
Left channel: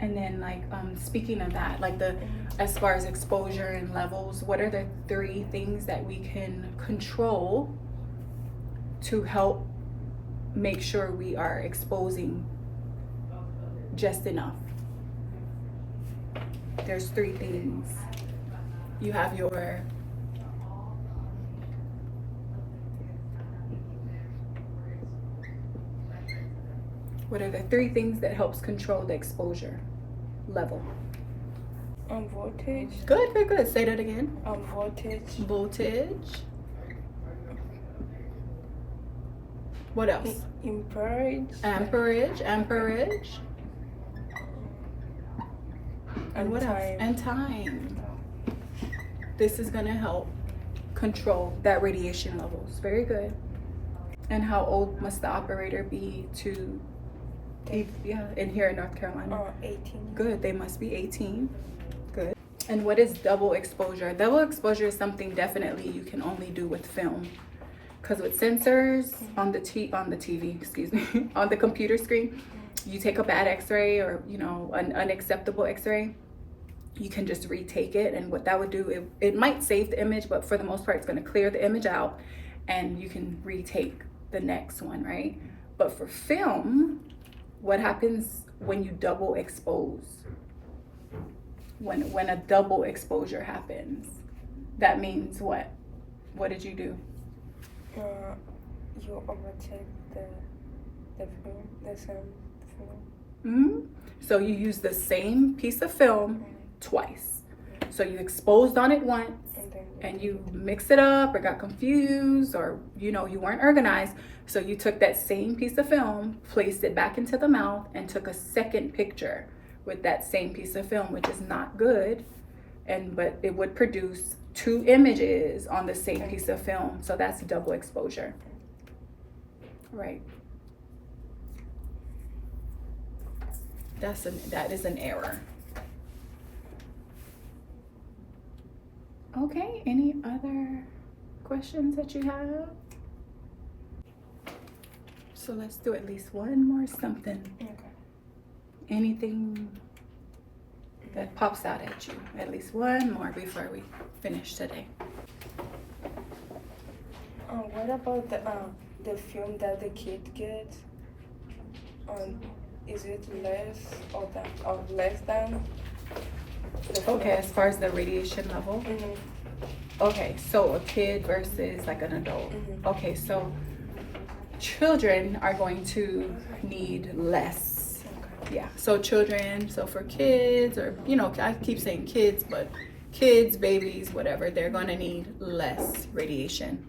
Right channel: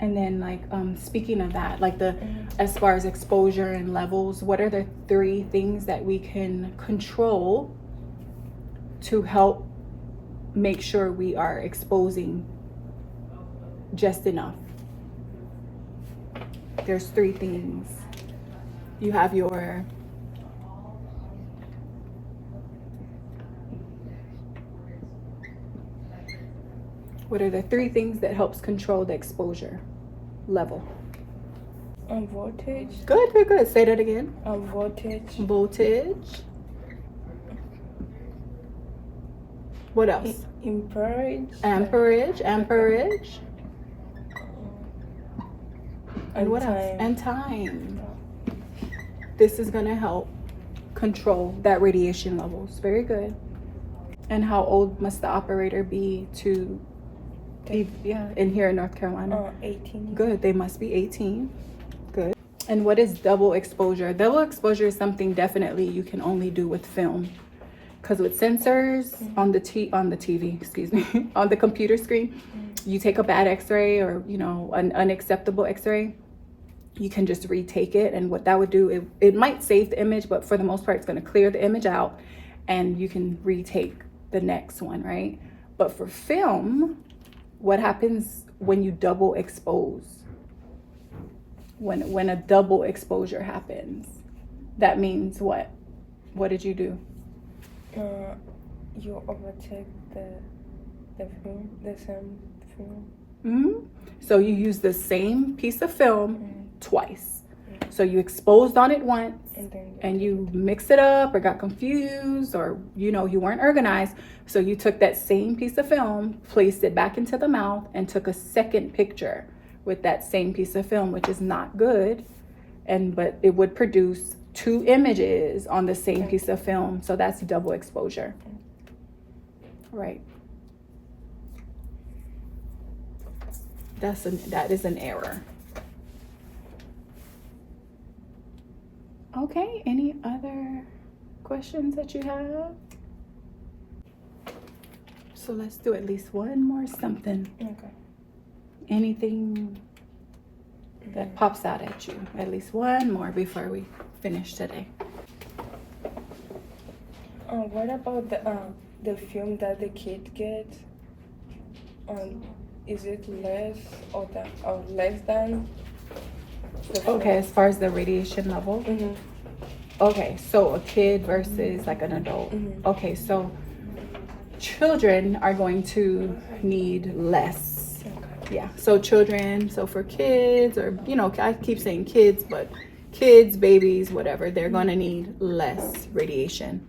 And then, like, speaking of that, like as far as exposure and levels, what are the 3 things that we can control to help make sure we are exposing just enough? There's 3 things. You have your what are the 3 things that helps control the exposure level? Voltage. Good. Say that again. Voltage. What else? Amperage. And what else? And time. This is going to help control that radiation levels. Very good. And how old must the operator be to be, in here in North Carolina? 18. Good, they must be 18. Good. And what is double exposure? Double exposure is something definitely you can only do with film. Because with sensors on the TV, excuse me, on the computer screen, you take a bad x-ray or, you know, an unacceptable x-ray, you can just retake it. And what that would do, it might save the image, but for the most part, it's going to clear the image out and you can retake the next one, right? But for film, what happens when you double expose? When a double exposure happens, that means what? What did you do? You overtake the film, the same film. So you use the same piece of film twice. So you exposed on it once and you mixed it up or got confused or, you know, you weren't organized. So you took that same piece of film, placed it back into the mouth and took a second picture with that same piece of film, which is not good. But it would produce two images on the same piece of film. So that's double exposure. Right. That is an error. Okay, any other questions that you have? So let's do at least one more something. Okay. Anything that pops out at you. At least one more before we finish today. What about the film that the kid gets? Is it less or less than? Okay, as far as the radiation level. Okay, so a kid versus like an adult. Okay, so children are going to need less. Yeah, so children, so for kids, or, you know, I keep saying kids, but kids, babies, whatever, they're going to need less radiation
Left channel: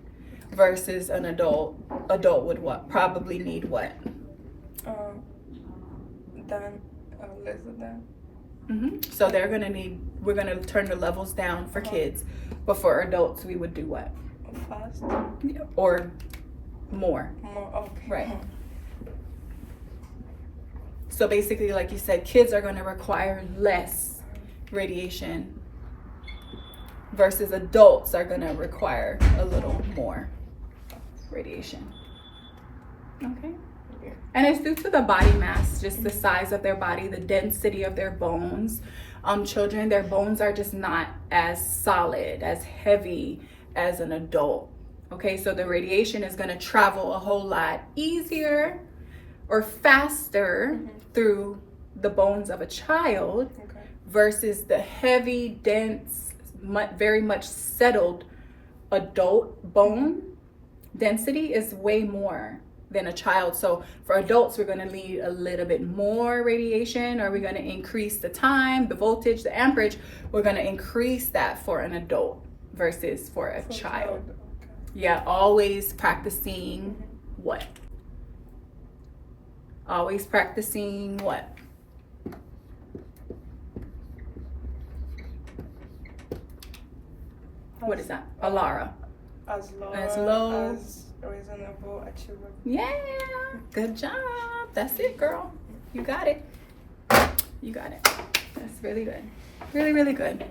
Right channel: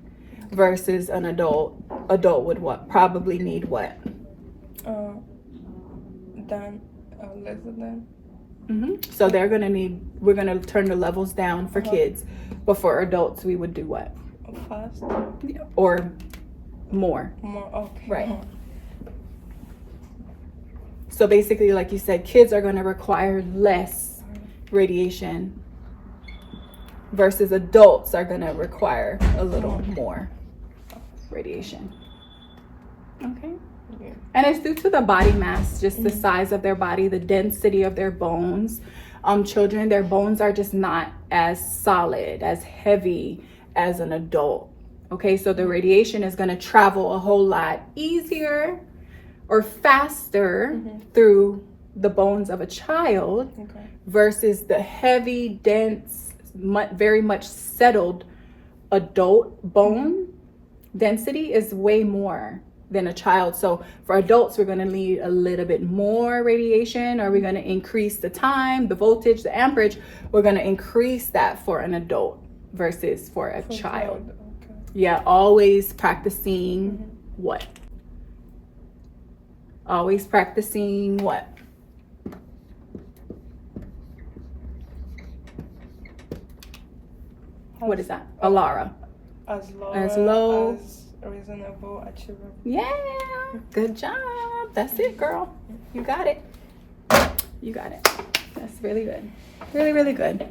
versus an adult. Adult would what? Probably need what? Less than. So they're going to need, we're going to turn the levels down for kids, but for adults, we would do what? Fast. Or more. More, okay. Right. So basically, like you said, kids are going to require less radiation versus adults are going to require a little more radiation. Okay. And it's due to the body mass, just the size of their body, the density of their bones. Children, their bones are just not as solid, as heavy as an adult. Okay, so the radiation is going to travel a whole lot easier or faster through the bones of a child versus the heavy, dense, very much settled adult bone density is way more than a child. So for adults, we're going to need a little bit more radiation, or we're going to increase the time, the voltage, the amperage. We're going to increase that for an adult versus for a child. Yeah, always practicing what? Always practicing what? What is that? Alara. As low as reasonable, achievable. Yeah, good job. That's it, girl. You got it. You got it. That's really good. Really, really good.